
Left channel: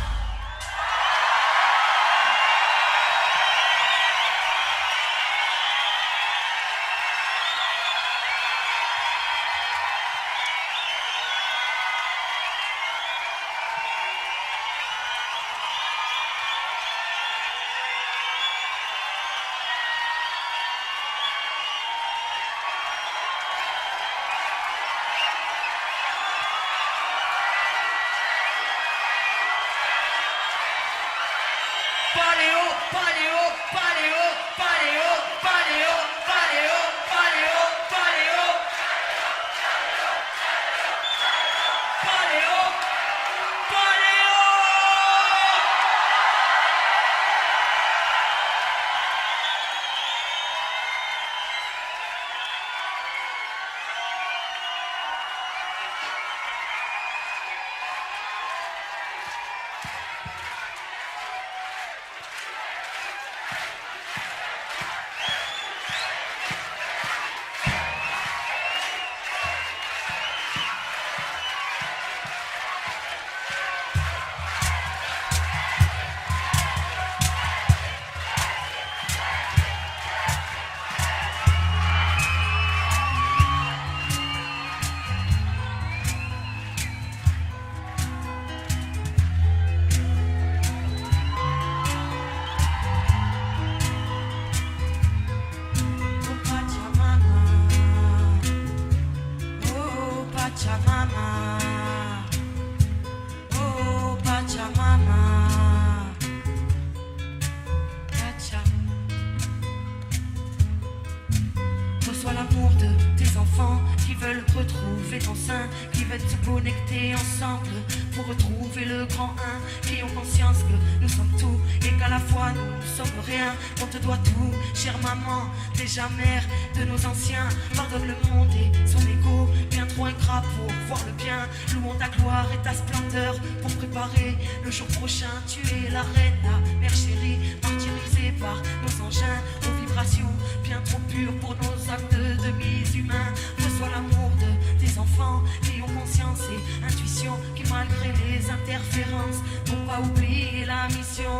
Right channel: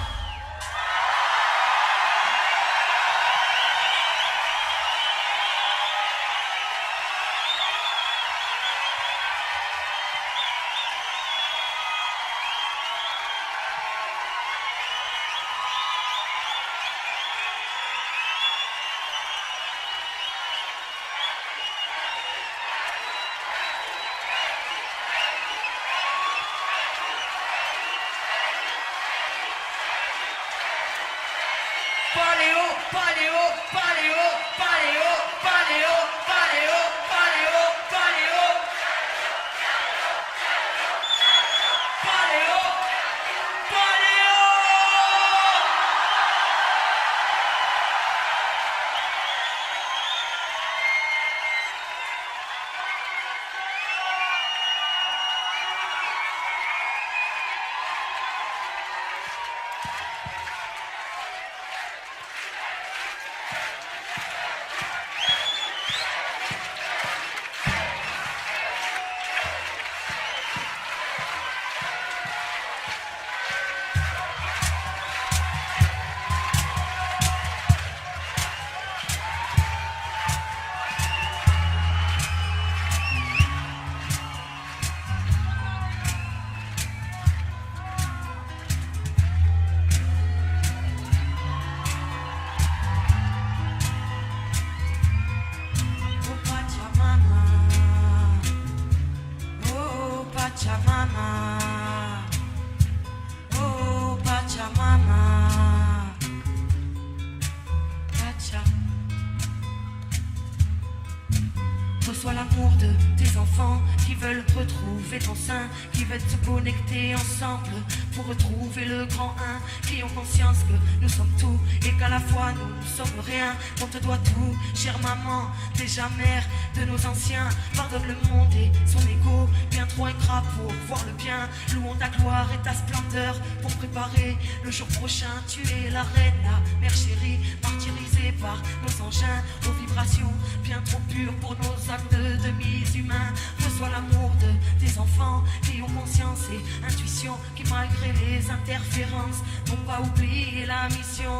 l'amour de tes enfants qui veulent retrouver ton sein, qui veulent se connecter ensemble pour retrouver le grand un, qui ont conscience que nous sommes tout et qu'à la fois nous ne sommes rien. On te doit tout, chère maman, déjà mère de nos anciens. Pardonne le monde et son ego, bien trop ingrat pour voir le bien. Louons ta gloire et ta splendeur pour préparer le jour prochain. Tu es la reine, la mère chérie, martyrisée par nos engins, nos vibrations bien trop pures pour nos actes de demi-humains. Reçois l'amour de tes enfants qui ont conscience et intuition, qui malgré les interférences n'ont pas oublié la mission.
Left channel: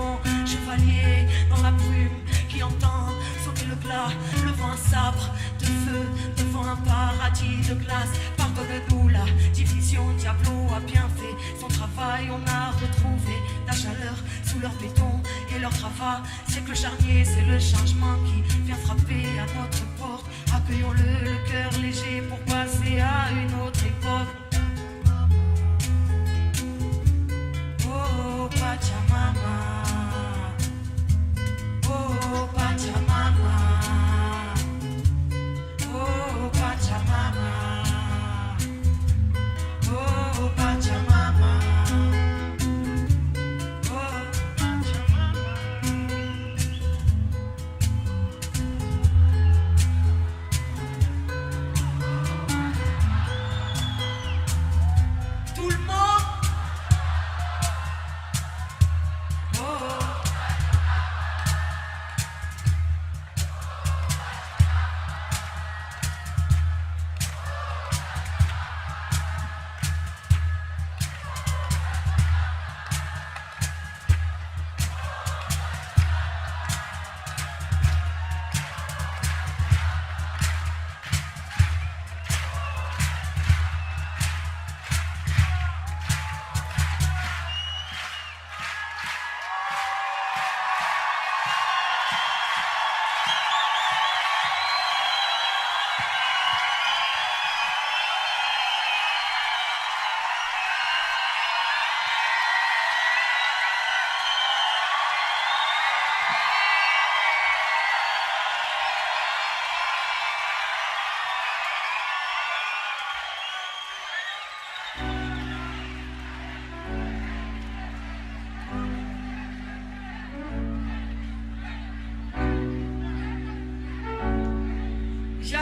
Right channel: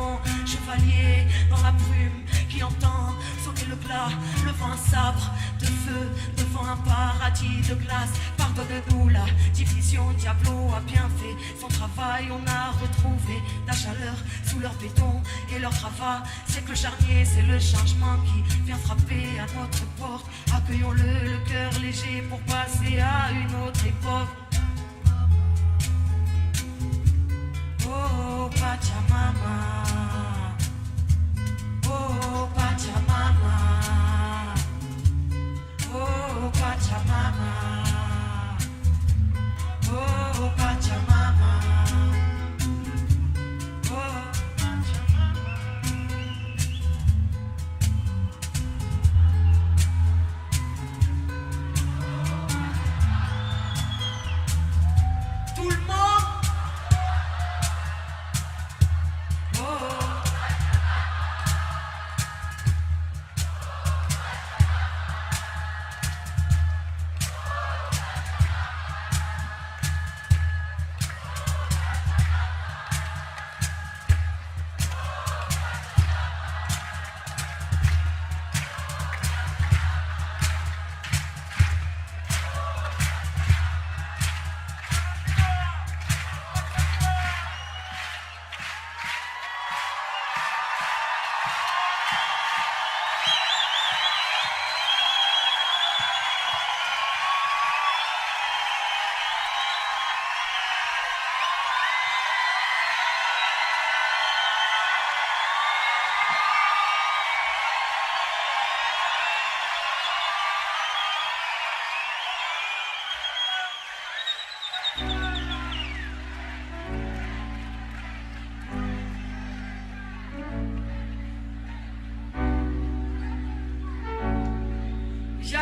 Chevalier dans la brume qui entend sonner le plat, le vent sabre de feu devant un paradis de glace. Pardonne-nous la division, Diablo a bien fait son travail. On a retrouvé la chaleur sous leur béton et leur gravat. C'est que le charnier, c'est le changement qui vient frapper à notre porte. Accueillons-le, le cœur léger pour passer à une autre époque. Oh, Pachamama. Oh, Pachamama. Oh, Pachamama. Oh, Pachamama. Oh, tout le monde. Oh. Ya.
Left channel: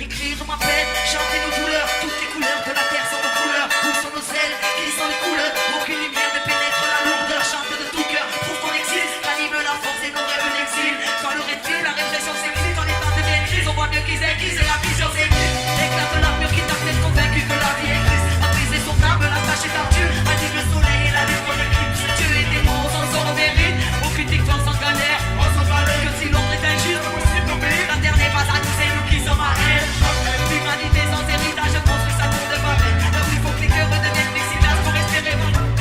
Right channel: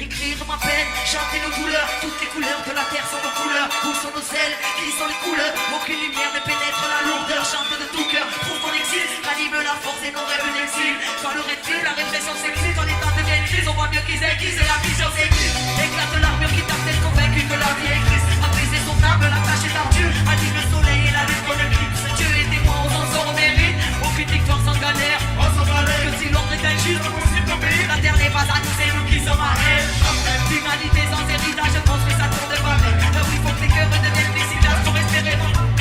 Écrire ma peine, chanter nos douleurs, toutes les couleurs de la terre sont nos couleurs, où sont nos ailes, qui sont les couleurs, aucune lumière ne pénètre la lourdeur, chante de tout cœur, trouve mon exil, anime la force et nos rêves l'exil, quand le recul, la répression s'écrit, quand les temps deviennent grises, on voit mieux qu'ils aiguisent et la vision s'aiguise, l'éclair de l'armure qui t'a fait convaincu que la vie est grise, a brisé son crâne, l'attache et l'ardure, a dit le soleil et la lune qui l'éclipse, tu es tes mots, on s'en mérite, aucune victoire sans galère, on s'en galère, que si l'autre est injuste, on s'y tomber, la terre n'est pas à nous, c'est nous qui sommes à elle. L'humanité sans héritage construit sa tour de monnaie. Là où il faut que les cœurs redeviennent efficaces pour espérer.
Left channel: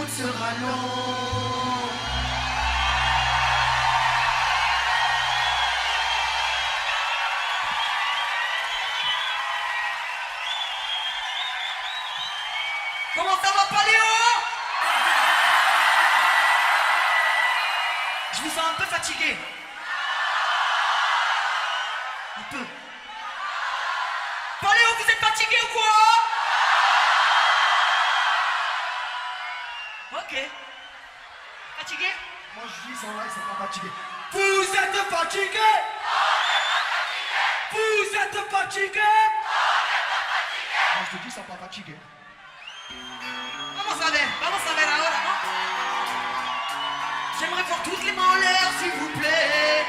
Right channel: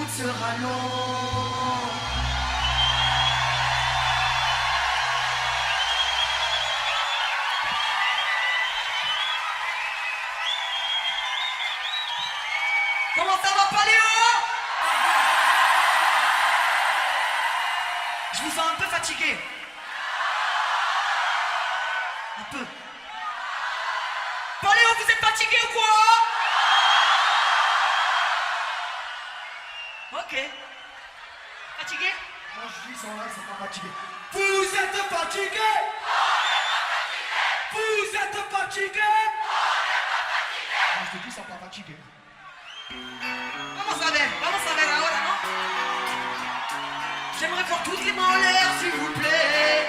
route sera longue. Comment ça va, Paléo? Je vous sens un peu fatigué. Un peu. Paléo, vous êtes fatigué ou quoi? Ok. Fatigué? Moi je dis, ils sont là, ils sont pas fatigués. Vous êtes fatigués? Vous êtes fatigués? Moi je te dis, ils sont pas fatigués. Vamos a ver ahora, ¿no? J'aimerais voir toutes les mains en l'air, s'il vous plaît.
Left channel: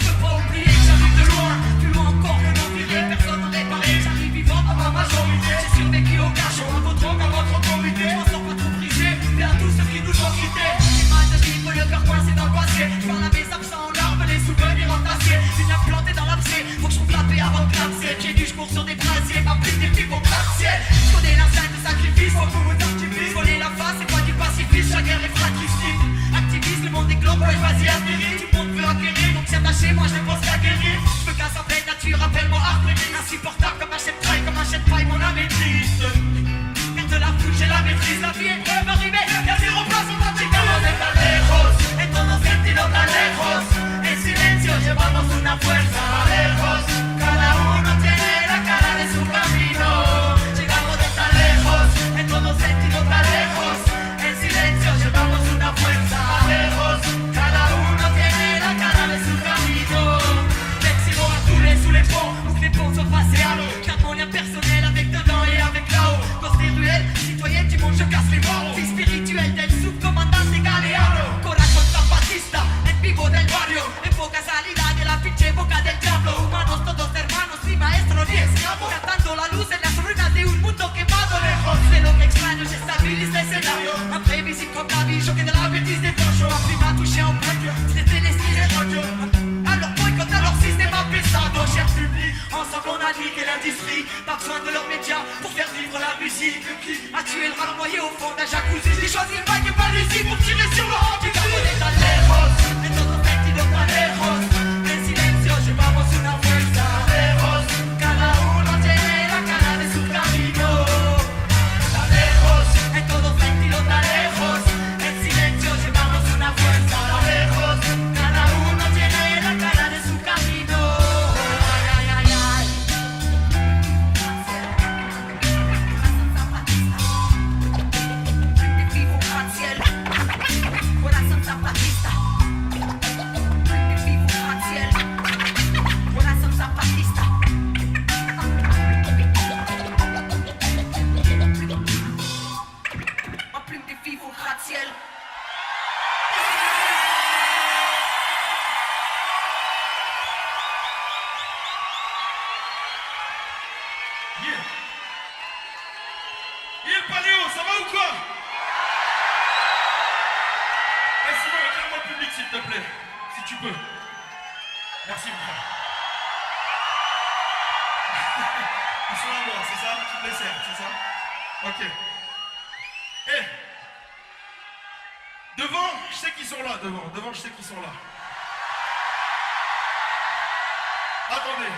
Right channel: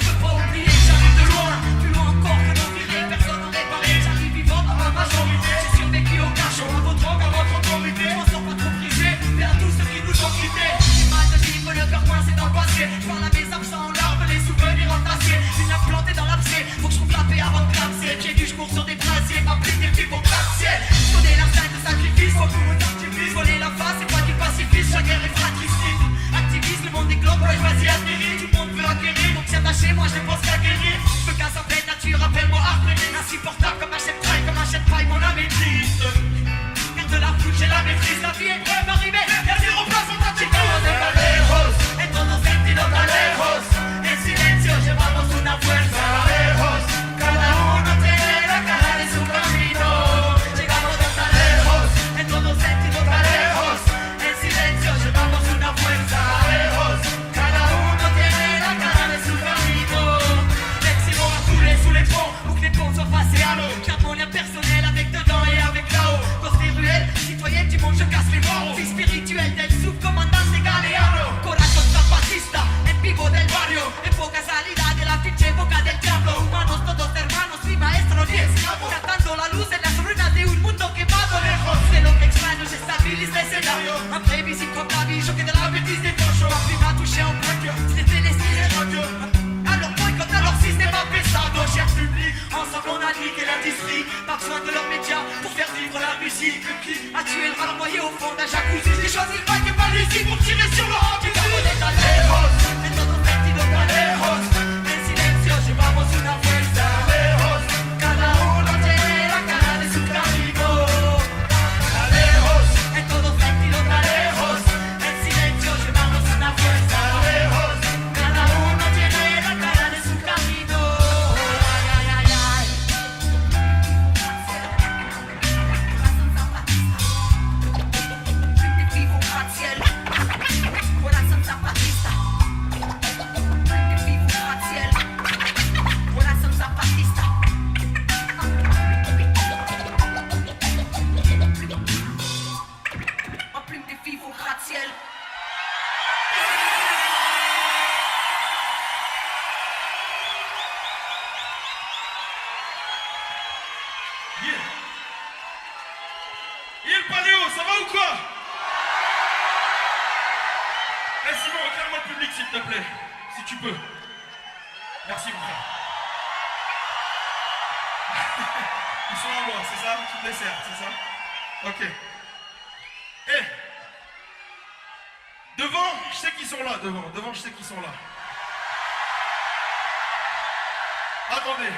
Je peux pas oublier que j'arrive de loin, plus loin encore que d'oublier. Personne n'en est pareil, j'arrive vivant comme un majorité. J'ai survécu au cachot, à votre drogue, à votre autorité. On sort pas trop prisé, mais à tous ceux qui nous ont quittés. J'ai mal de vivre, le cœur coincé dans le passé. Faire la mes absents en larmes, les souvenirs entassés. Une âme plantée dans l'abcès, faut que je trouve la paix avant de clamser. Pieds nus, je cours sur des brassiers, ma plus des pieds pour gracier. Je connais l'instinct de sacrifice, faut qu'on nous activise. Voler la face, c'est toi qui pacifie, chaque guerre est fratricide. Activise, le monde des globes, ouais, vas-y, atterris. Tout le monde veut acquérir, donc c'est lâché, moi je dépense qu'à guérir. Je me casse en pleine nature, appelle-moi Arpémine. Insupportable comme un chef de paille, comme un chef de paille, mon âme est triste. Mais de la foule, j'ai la maîtrise, la vie est brève, arrivée, y'a zéro place en tant que lejos, en todos sentidos tan lejos. En silencio llevamos una fuerza lejos. Cada uno tiene la cara de su camino. Llegamos de tan lejos, en todos sentidos tan lejos. En silencio llevamos una fuerza lejos. Cada uno tiene la cara de su camino. L'excellent a coulé sous les ponts, où que les ponts soient passés à l'eau. J'harmonie personnel avec dedans et avec là-haut. Construire ruelle, citoyenne du monde, je casse les bords. Vie spirituelle del subcomandante Galeano. Corazón zapatista, en vivo del barrio. En poca salida de la pinche boca del diablo. Humanos todos hermanos, mi maestro 10. Tratando la luz en la ruina de un mundo quemado. Lejos de lo que extraño, j'estabilise l'escenario. Après visite comme Paris, choqué de la bêtise des poches. Ma vie m'a touché en point, c'est fait les styles joyeux. Alors boycott, alors système a pesado. Cher public, ensemble on a niqué l'industrie. Pas besoin de leurs médias pour faire vivre la musique. Qui a tué le rat noyé au fond d'un jacuzzi. J'ai choisi le bac et pas Lucie pour tirer sur le rang. Tu t'abonnes tan lejos, en todos sentidos tan lejos. En silencio llevamos una fuerza lejos. Cada uno tiene la cara de su camino. Tan lejos, en todos sentidos tan lejos. En silencio llevamos una fuerza lejos. Cada uno tiene la cara de su camino. Vivo grazie. Corazón zapatista. Vivo grazie. Corazón zapatista. En plus de vivo grazie. Yeah. Et le Paléo, ça va ou quoi? Eh Simon, éclaire-moi le public s'il te plaît, si tu peux. Merci beaucoup. Ils sont à moi, c'est ça? Tu les sers, c'est ça? Ok. Eh, devant, je sais qu'ils sont là, devant, je sais qu'ils sont là. Attendez.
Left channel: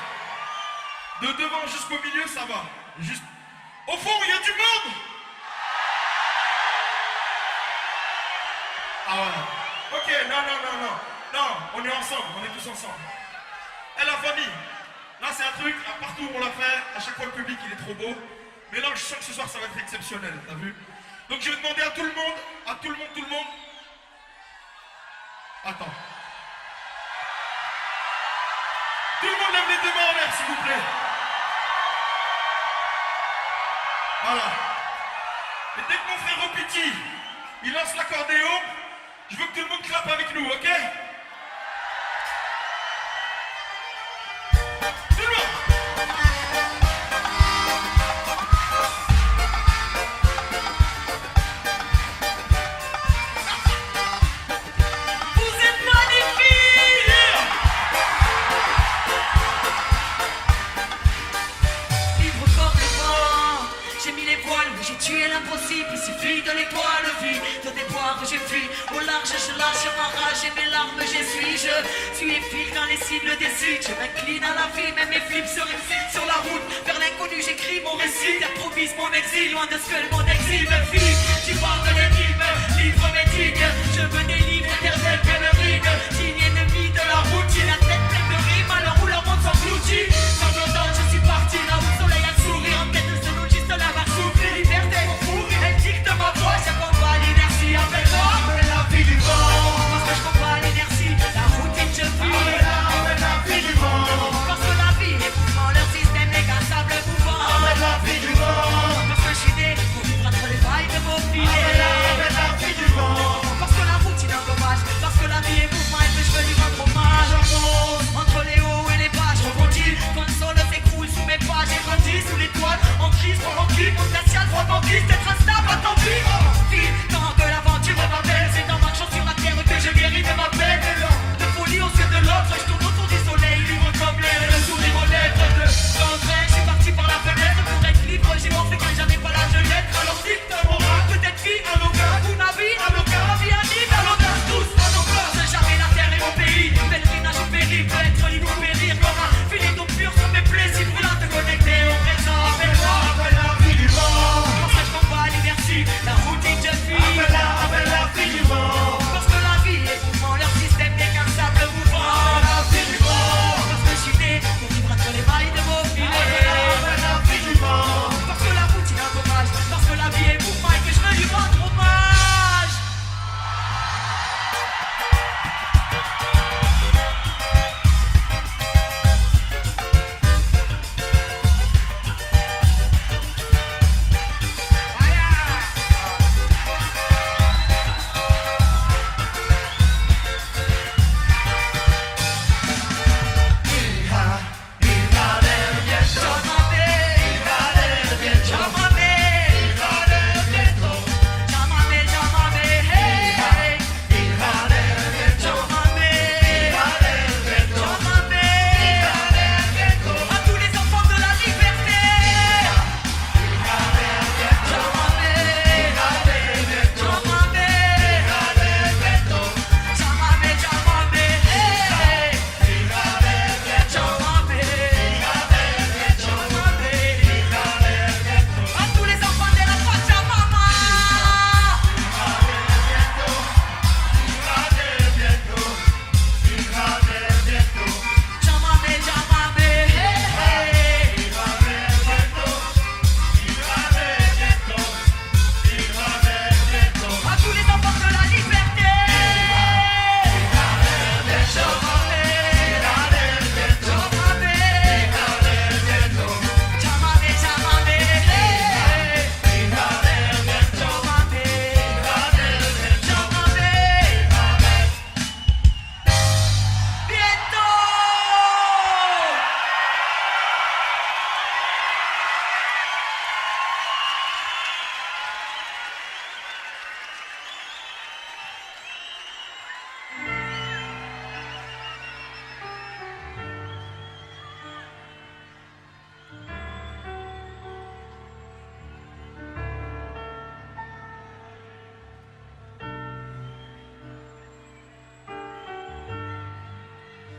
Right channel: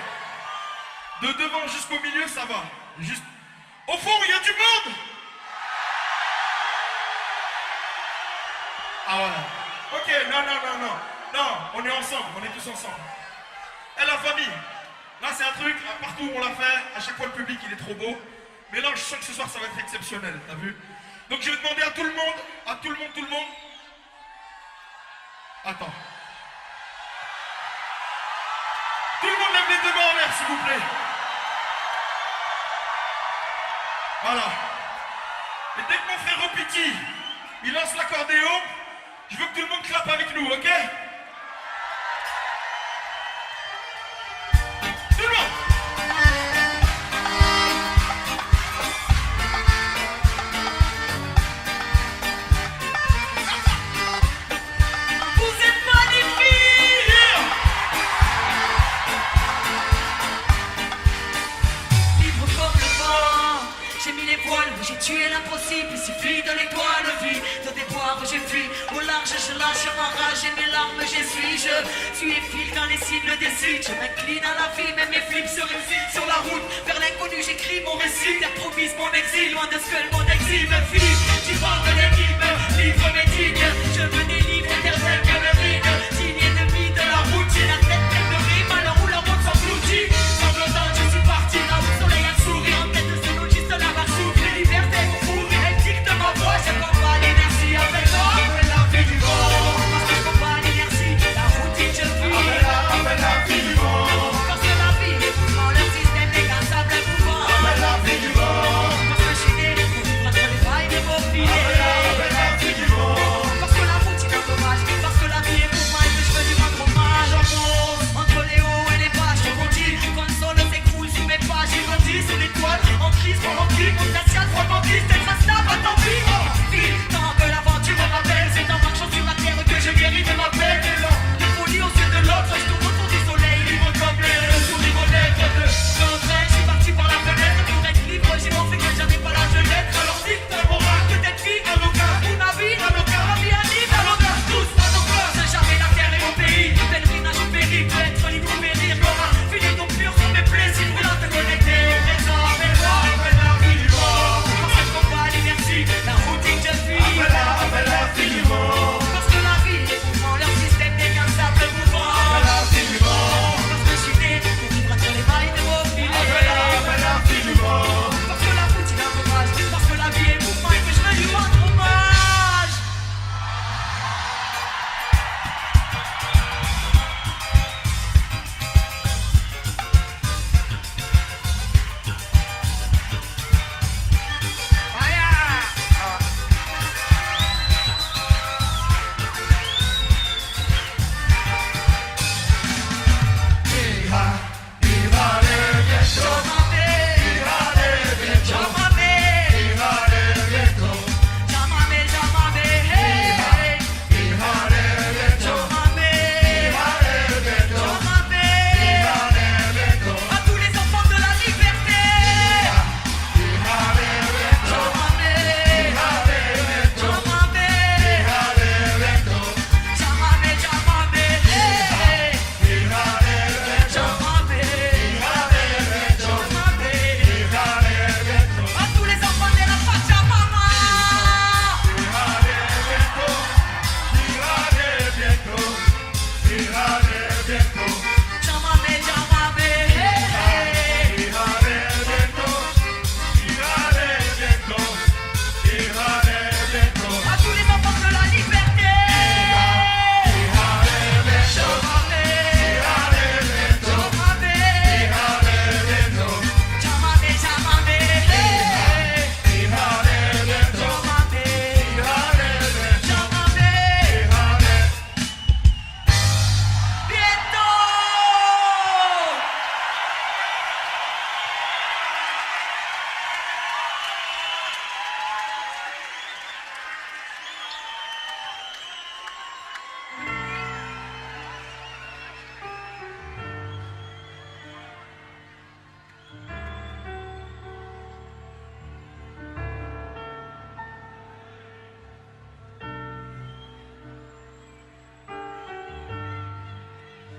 De devant jusqu'au milieu, ça va. Juste... Au fond, il y a du monde. Ah voilà. Ok, non, on est ensemble, on est tous ensemble. Et la famille, là c'est un truc, là, partout on l'a fait, à chaque fois le public il est trop beau. Mais là je sens que ce soir ça va être exceptionnel, t'as vu? Donc je vais demander à tout le monde. Attends. Tout le monde lève les deux mains en l'air s'il vous plaît. Voilà. Et dès que mon frère Opiti, il lance l'accordéon, je veux que tout le monde clappe avec nous, ok? Tout le monde! Vous êtes magnifiques! Vivre correctement, j'ai mis les voiles, j'ai tué l'impossible. étoiles vides de déboire j'ai fui. Au large je lâche ma rage et mes larmes j'essuie. Je suis fil quand les cibles décident. Je m'incline à la vie mais mes flips se récitent. Sur la route vers l'inconnu j'écris mon récit. Improvise mon exil loin de ce que mon exil me fit. Tu parles de l'énigme, livre mes dignes. Je me délivre éternel que le ride. Signe ennemi de la routine. La tête pleine de rimes alors où le monde s'engloutit. Sanglotant je suis parti là où le soleil a souri. En tête de ce nous juste la mer souffle. Liberté mon four, elle dicte ma voix. Je combat l'inertie avec moi. La vie du corps. Parce que je combat l'inertie. La routine je fuis. La vie du corps. Parce que la vie est pour moi leur système décassable et mouvant. La vie du corps. Parce que je suis né pour vivre entre les failles de mon pied. La vie du corps. Parce que la routine est dommage. Parce que la vie est pour moi et que je veux lui rendre hommage. Entre les hauts et les bas, je rebondis. Quand le sol s'écroule sous mes pas, j'ai grandi sous les toiles. En crise, pour l'enquille, glacial, romantique, d'être instable, à tant pis. Envie, dans un peu l'aventure, me rappelle. C'est en marchant sur la terre que je guéris de ma peine. De folie aux yeux de l'autre, je tourne autour du soleil, vivant comme l'air, le sourire aux lèvres de l'enfer. Je suis parti par la fenêtre pour être libre, j'ai pensé que j'arrive par la fenêtre. Alors dicte mon rôle, tout est vie, à nos cœurs, mon avis, à nos cœurs, à mi-anime, à l'audace tous, à nos cœurs. J'ai jamais la terre et mon pays, pèlerinage au pays, peut être libre ou périr. L'aura fini donc pur sur mes plaies, si brûlant de connecter au présent. Mais moi, la vie du monde, parce que je combats l'inertie, la routine je fuis. La vie du monde, parce que la vie est pour moi leur système décassable de mouvement. La vie du monde, parce que je suis né entre les mailles de mon fil. La vie du monde, parce que la routine a dommage, parce que la vie est pour moi et que je veux lui rendre hommage.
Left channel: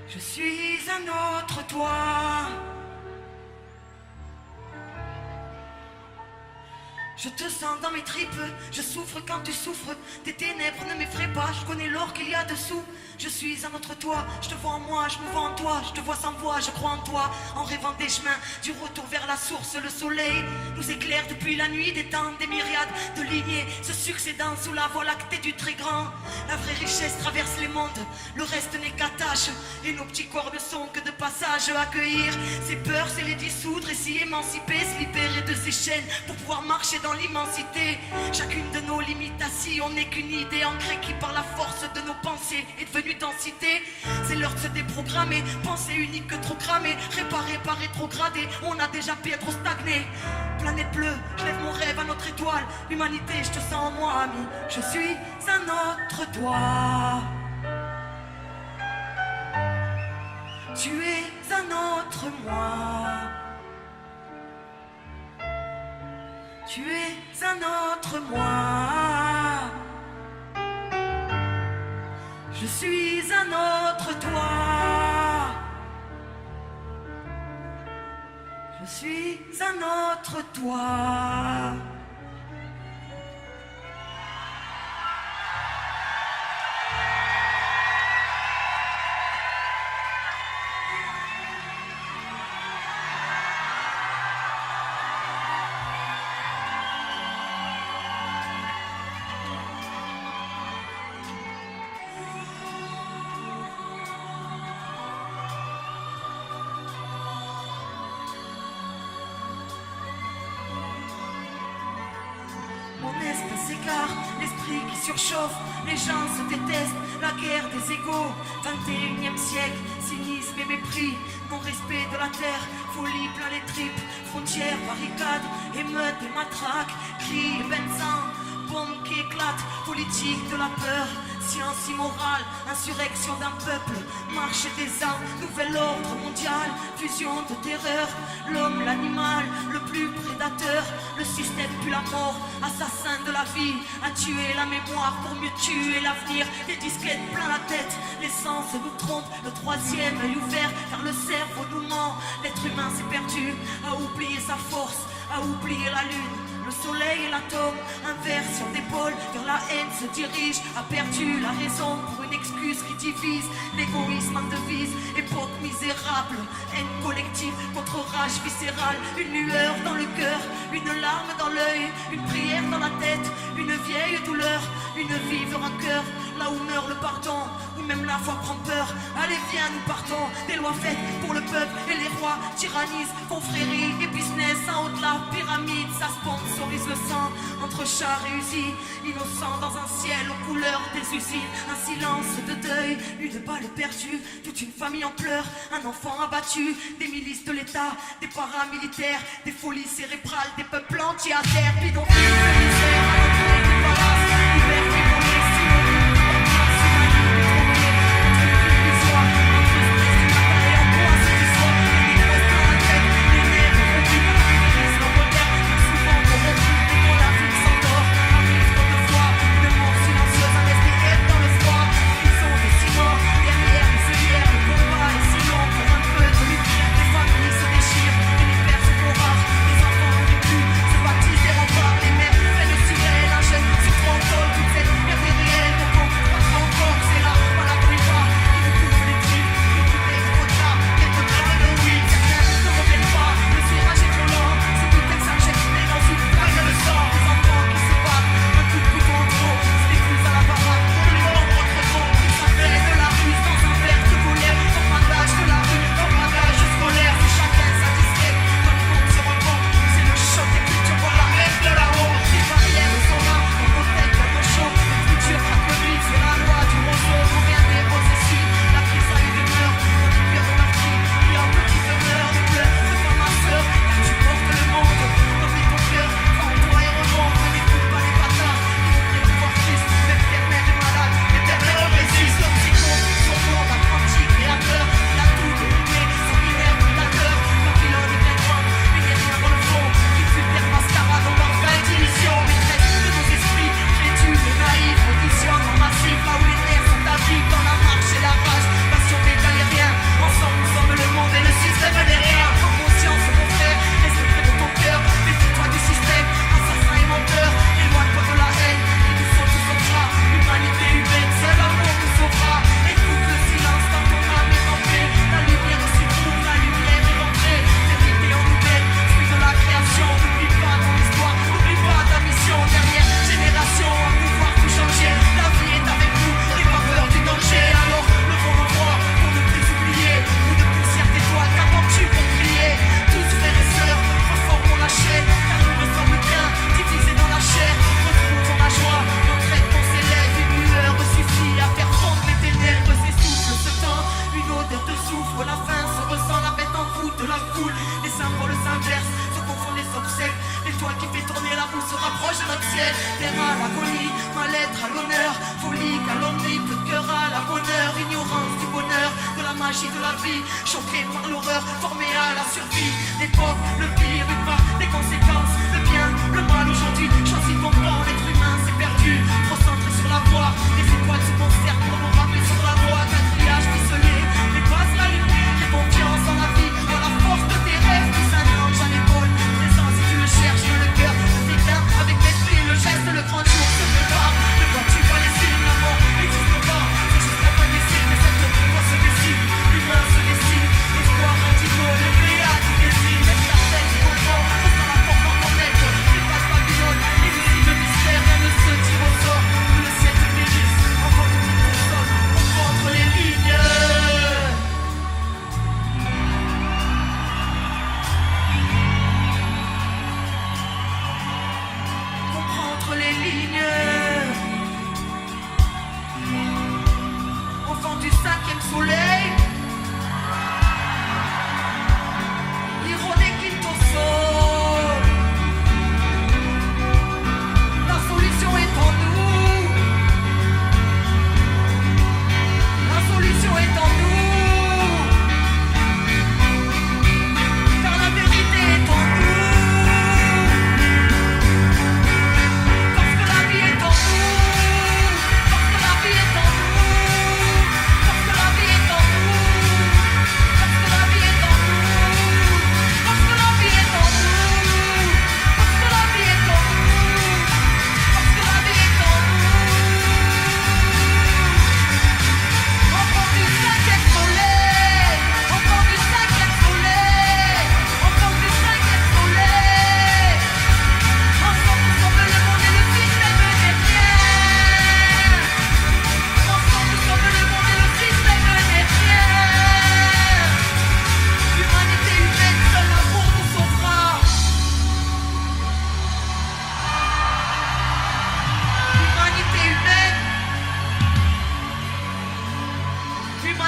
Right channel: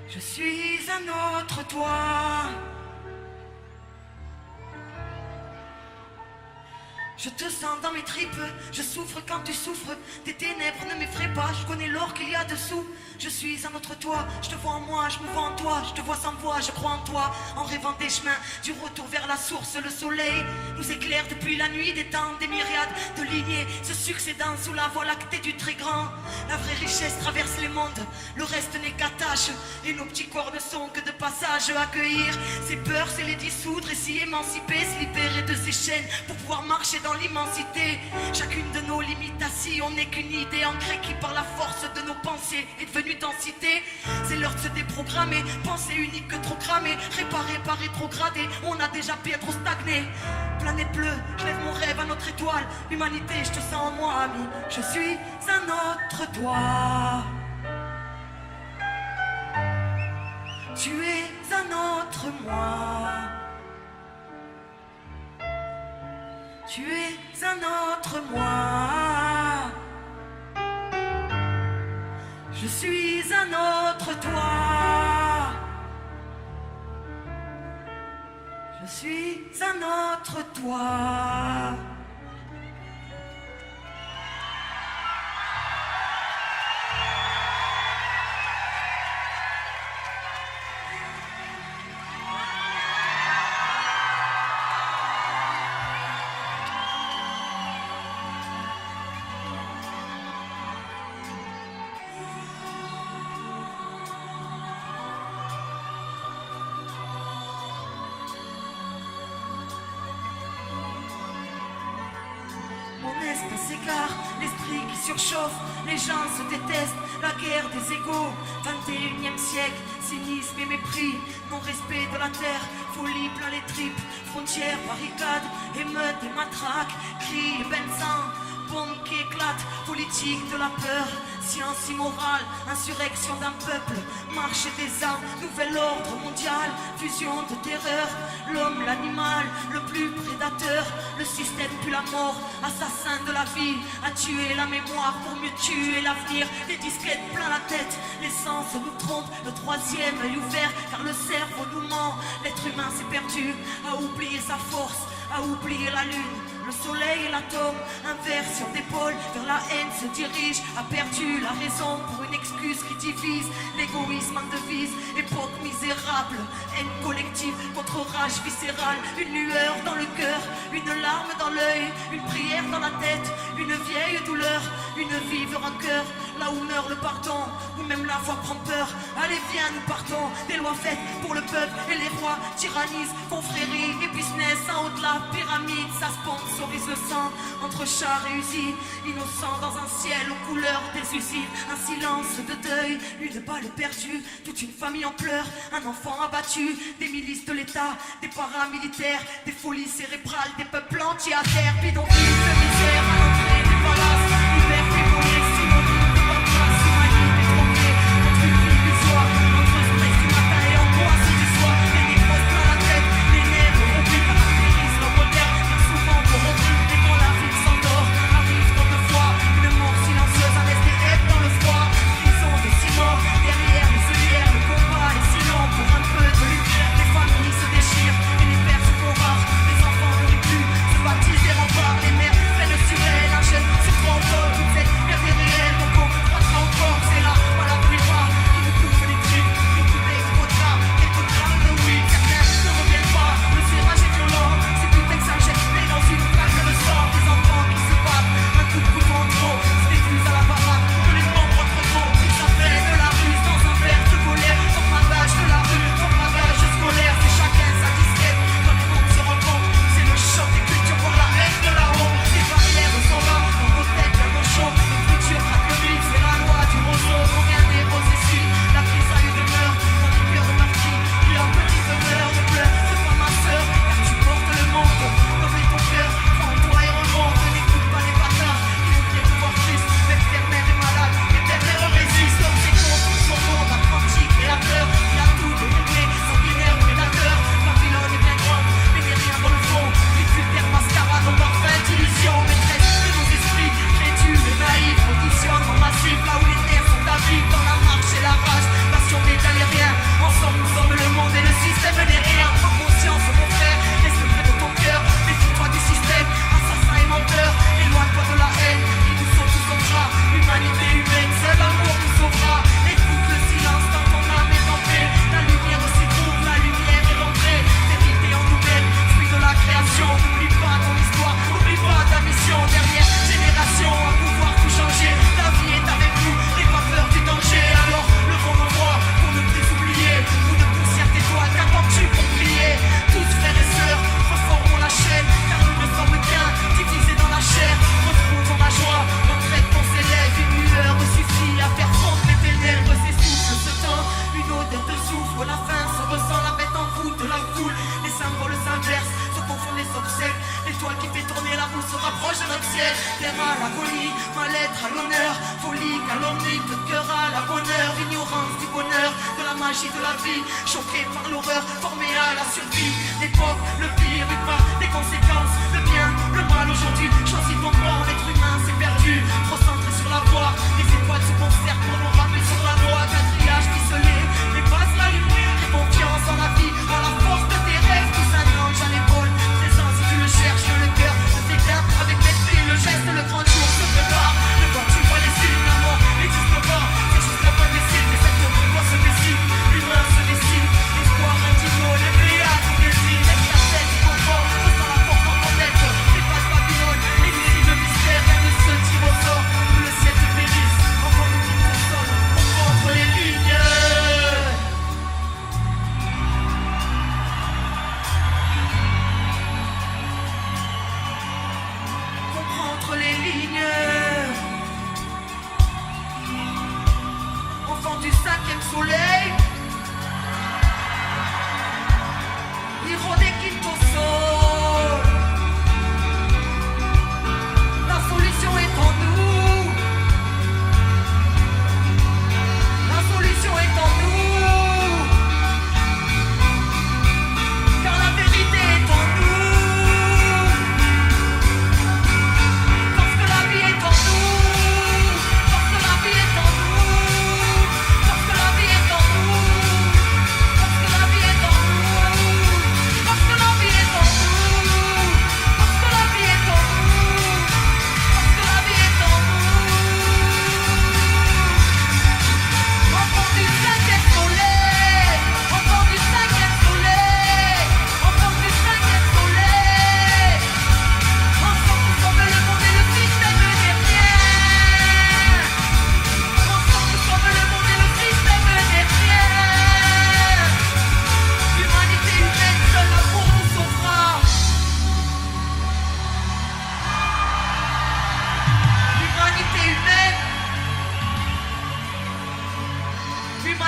Je suis un autre toi. Je te sens dans mes tripes, je souffre quand tu souffres. Tes ténèbres ne m'effraient pas, je connais l'or qu'il y a dessous. Je suis un autre toi, je te vois en moi, je me vois en toi. Je te vois sans voix, je crois en toi. En rêvant des chemins, du retour vers la source. Le soleil nous éclaire depuis la nuit des temps. Des myriades de lignées se succédant sous la voie lactée du très grand. La vraie richesse traverse les mondes, le reste n'est qu'attache. Et nos petits corps ne sont que de passage. Accueillir ces peurs, c'est les dissoudre. Et s'y émanciper, se libérer de ces chaînes pour pouvoir marcher dans l'immensité. Chacune de nos limitations n'est qu'une idée ancrée qui par la force de nos pensées est devenue densité. C'est l'heure de se déprogrammer, pensée unique que trop cramée, réparée par rétrogradé, on a déjà pu trop stagné. Planète bleue, je lève mon rêve à notre étoile. L'humanité, je te sens en moi, ami. Je suis un autre toi. Tu es un autre moi. Tu es un autre moi. Je suis un autre toi. Je suis un autre toi. Mon espèce s'égare, l'esprit qui surchauffe, les gens se détestent, la guerre des égaux, 21e siècle, cynisme et mépris, non-respect de la terre, folie plein les tripes, frontières, barricades, émeutes et matraques, cris et benzins, bombes qui éclatent, politique de la peur, silence immoral, insurrection d'un peuple, marche des armes, nouvel ordre mondial, fusion de terreur, l'homme, l'animal, le plus prédateur, le système puis la mort, assassin de la vie, a tué la mémoire pour mieux tuer l'avenir, les disquettes plein la tête, les sens nous trompent, le troisième œil ouvert, car le cerveau nous ment, l'être humain s'est perdu, a oublié sa force, a oublié la lune, le soleil et l'atome, un verre sur l'épaule, vers la haine se dirige, a perdu la raison pour une excuse qui divise, l'égoïsme en devise, époque misérable, haine collective contre rage viscérale, une lueur dans le cœur, une larme dans l'œil, une prière dans la tête, une vieille douleur, une vive rancœur, là où meurt le pardon, où même la foi prend peur, allez viens nous partons, des lois faites pour le peuple et les rois tyrannisent, confrérie et business, en haut de la pyramide, ça sponsorise le sang, entre chars et usines, innocents dans un ciel aux couleurs des usines, un silence de deuil, une balle perdue, toute une famille en pleurs, un enfant abattu, des milices de l'État, des paramilitaires, des folies cérébrales, des peuples entiers à terre, bidonvilles, de misère, à l'entrée des palaces. magie de la vie, choqué par l'horreur, formé à la survie. L'époque, le pire, mais pas les conséquences. Le bien, le mal aujourd'hui, choisis ton bord. L'être humain s'est perdu, trop centré sur la voie. Les étoiles se consternent pour nous ramener sur la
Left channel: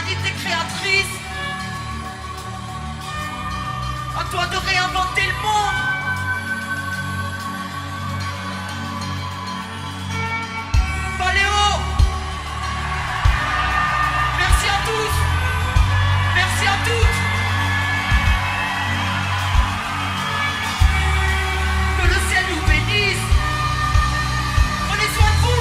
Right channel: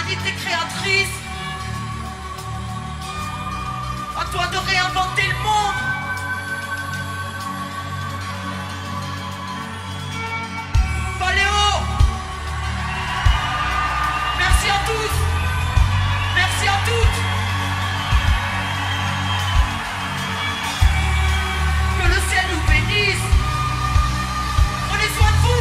personnalité créatrice. À toi de réinventer le monde. Paléo. Merci à tous. Merci à toutes. Que le ciel nous bénisse. Prenez soin de vous.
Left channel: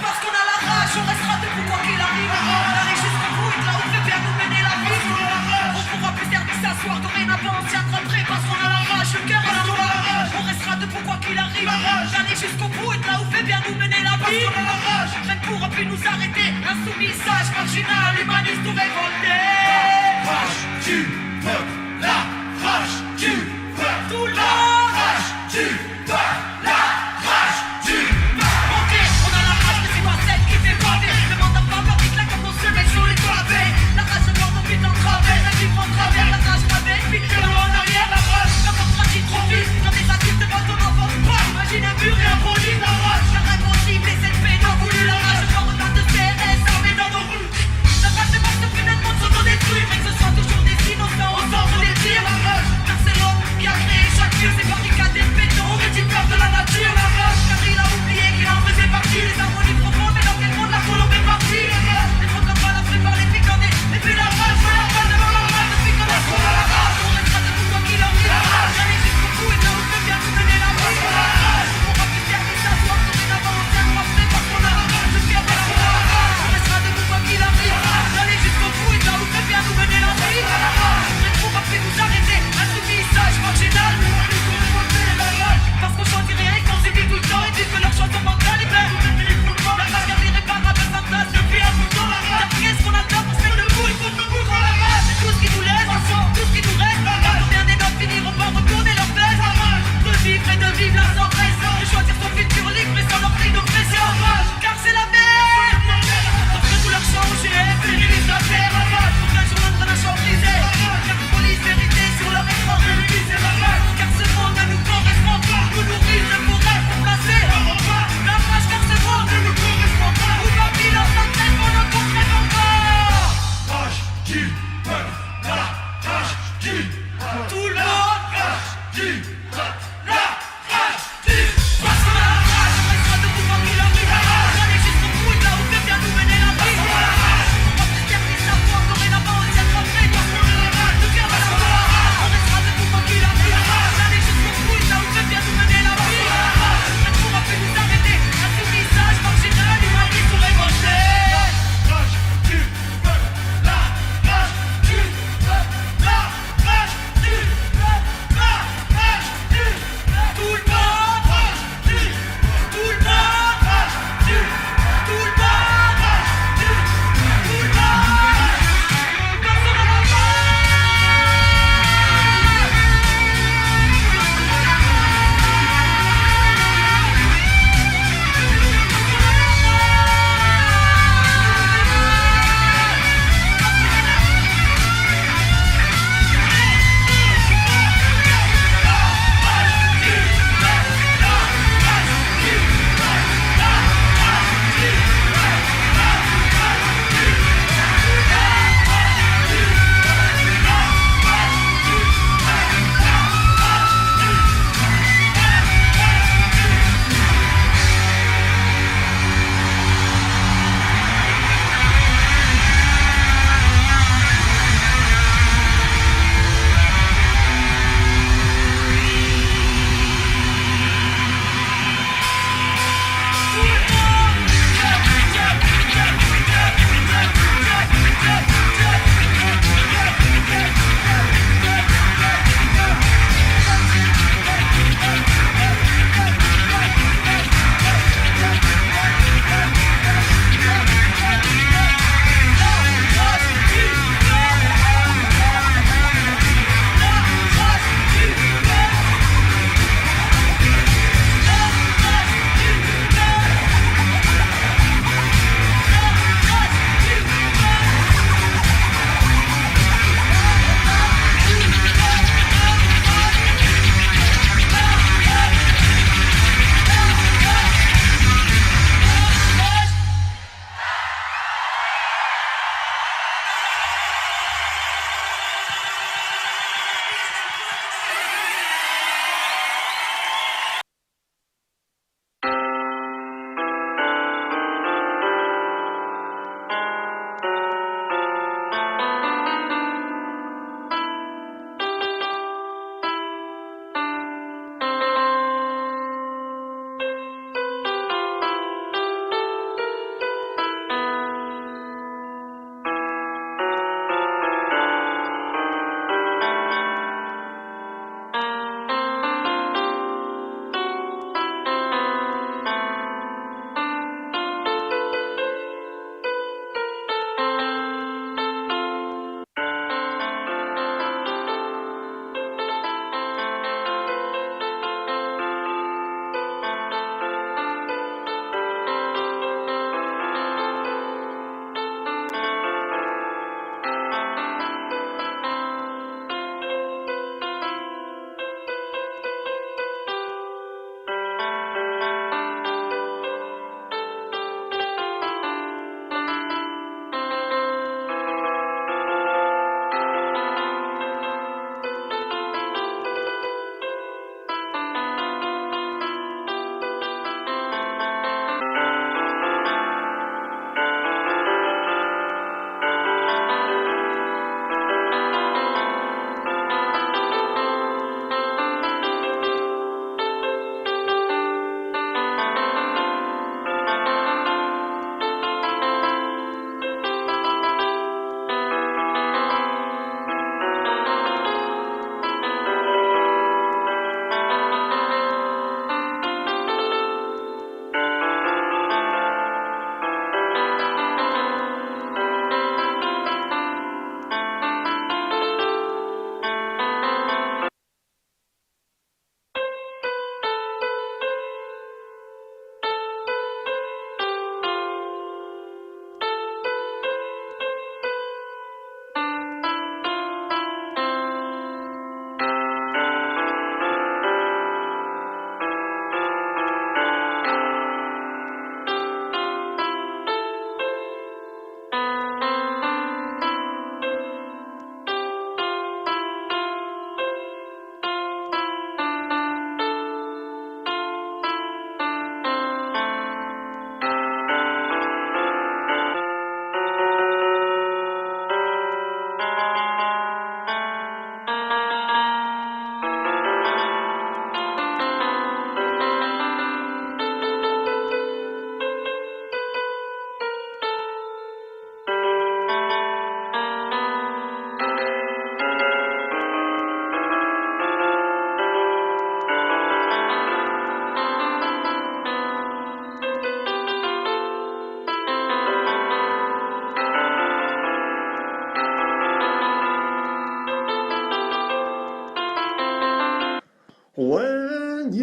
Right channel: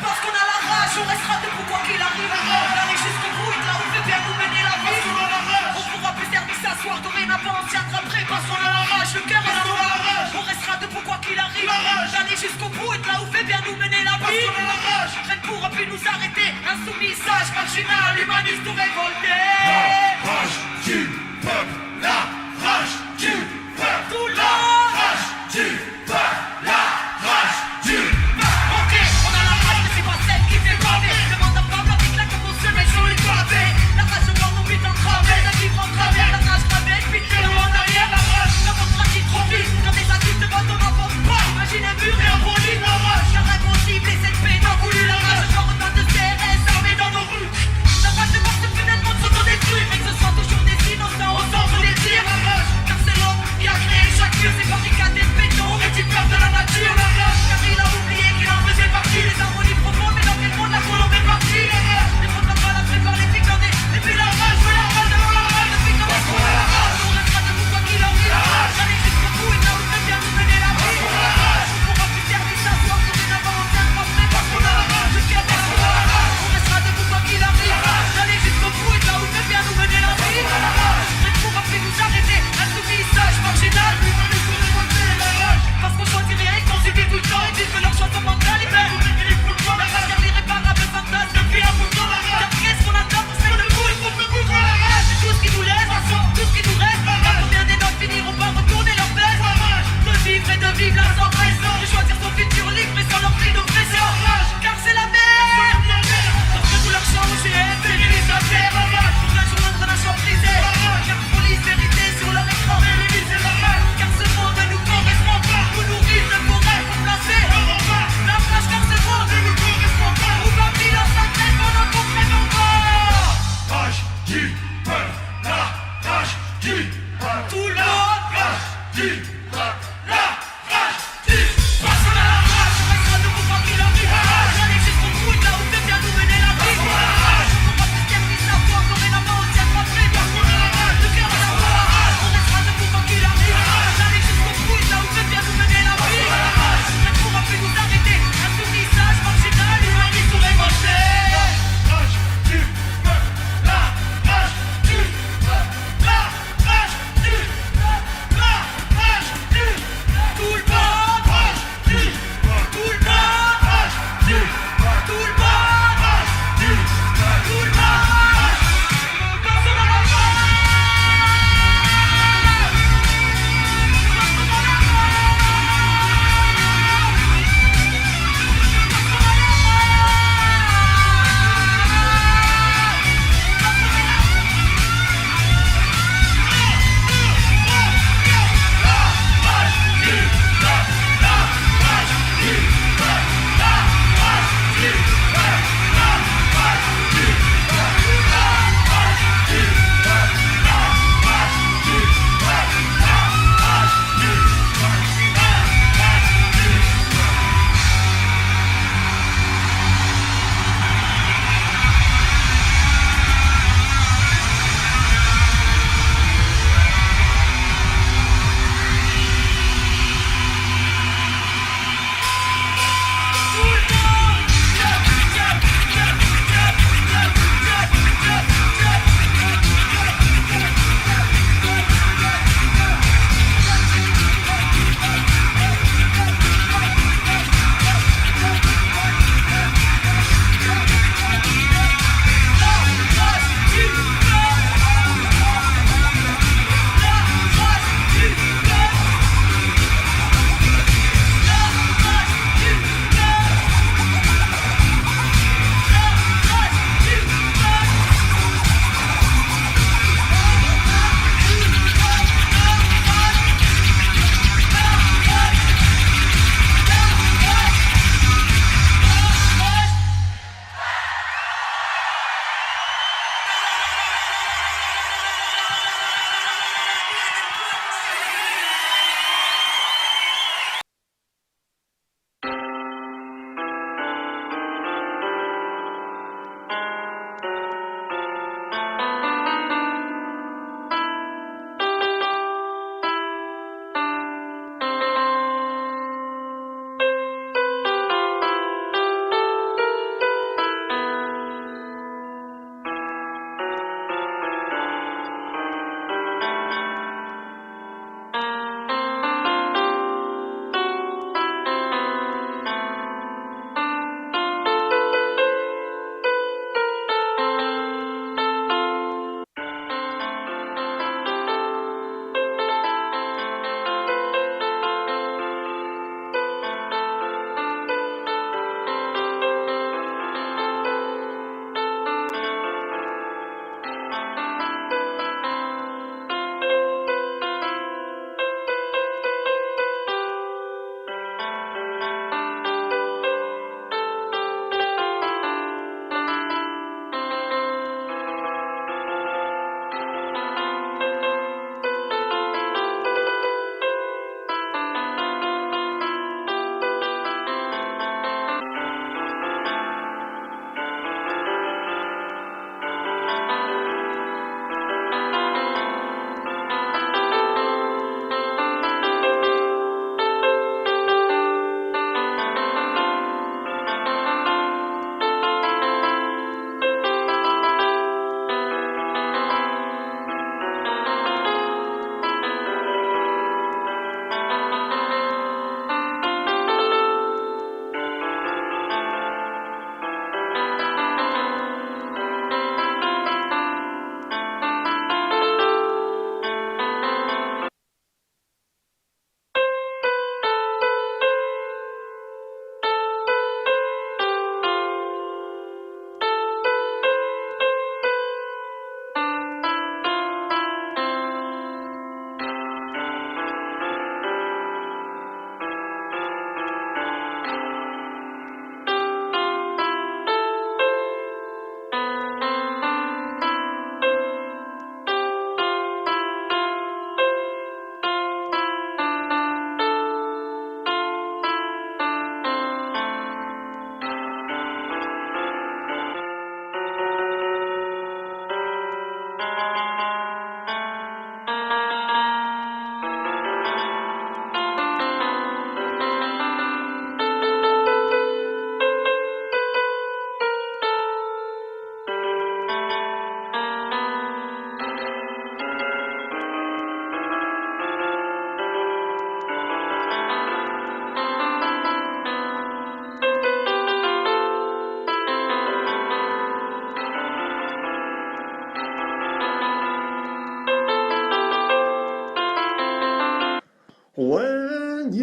Parce qu'on a la rage, on restera debout quoi qu'il arrive. On arrive jusqu'au bout et de là où veut bien nous mener la vie. On pourra plus servir s'asseoir, dorénavant on tiendra prêt. Parce qu'on a la rage, le cœur à l'envers. On restera debout quoi qu'il arrive. J'arrive jusqu'au bout et de là où veut bien nous mener la vie. Parce qu'on a la rage, rien ne pourra plus nous arrêter. Insoumis, sage, marginal, humaniste ou révolté. Rage du peuple, la rage du peuple, Tout le la monde. rage du peuple, la rage du peuple. Ok, on a la rage, mais c'est pas celle qui fait baver. Demande à Papa, avec la comme on se met sur les pavés. La rage de mort, nos vies en travers, nos vies vont travers. La rage gravée, puis de loin en arrière. La rage, la porte pratique trop vite. Quand les adultes veulent, on n'avance pas. Imagine un mur et un produit. La rage, la rage sensible, les ZP n'ont voulu. La rage, encore en train de serrer, fermée dans nos rues. La rage de mort, c'est pénètre contre nos détruits. Mais que ce sont toujours des innocents, on sort les tirs. La rage, car c'est l'homme qui a créé chaque lieu, c'est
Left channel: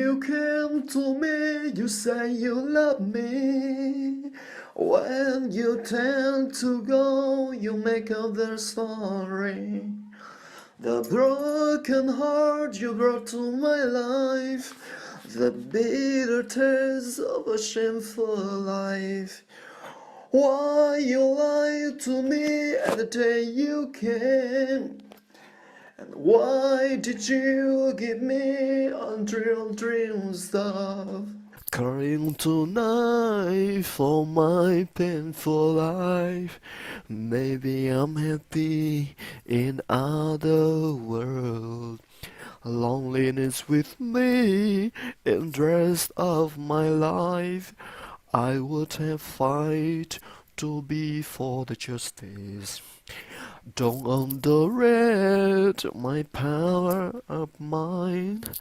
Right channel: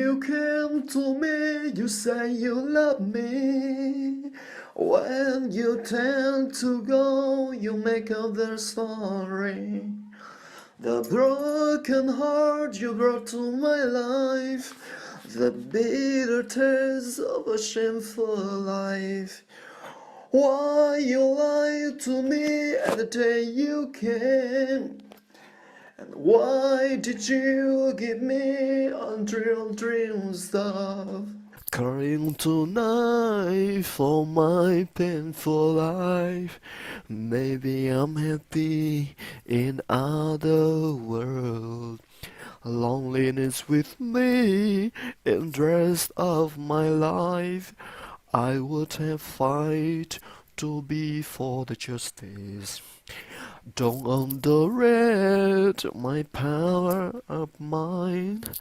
You came to me, you say you love me. When you tend to go, you make up their story. The broken heart you brought to my life, the bitter taste of a shameful life. Why you lied to me at the day you came? And why did you give me unreal dream stuff? Crying tonight for my painful life. Maybe I'm happy in other world. Loneliness with me in the rest of my life. I would have fight to be for the justice. Don't underrate my power of mind.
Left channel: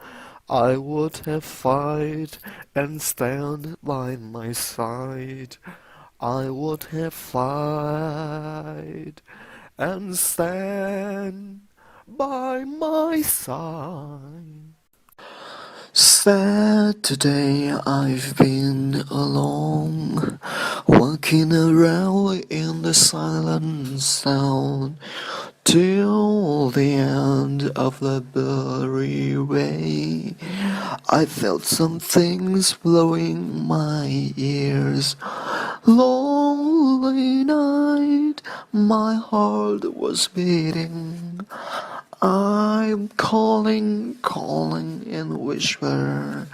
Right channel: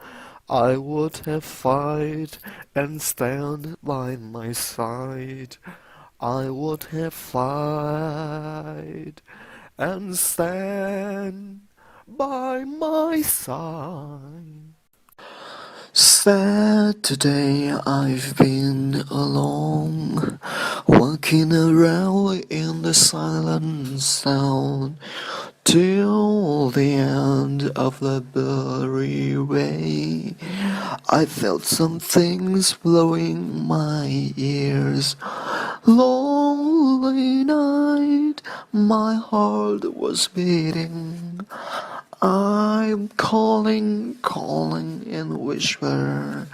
I would have fight and stand by my side. I would have fight and stand by my side. Saturday I've been alone, walking around in the silent sound, till the end of the blurry way. I felt some things blowing my ears. Lonely night, my heart was beating. I'm calling in whisper.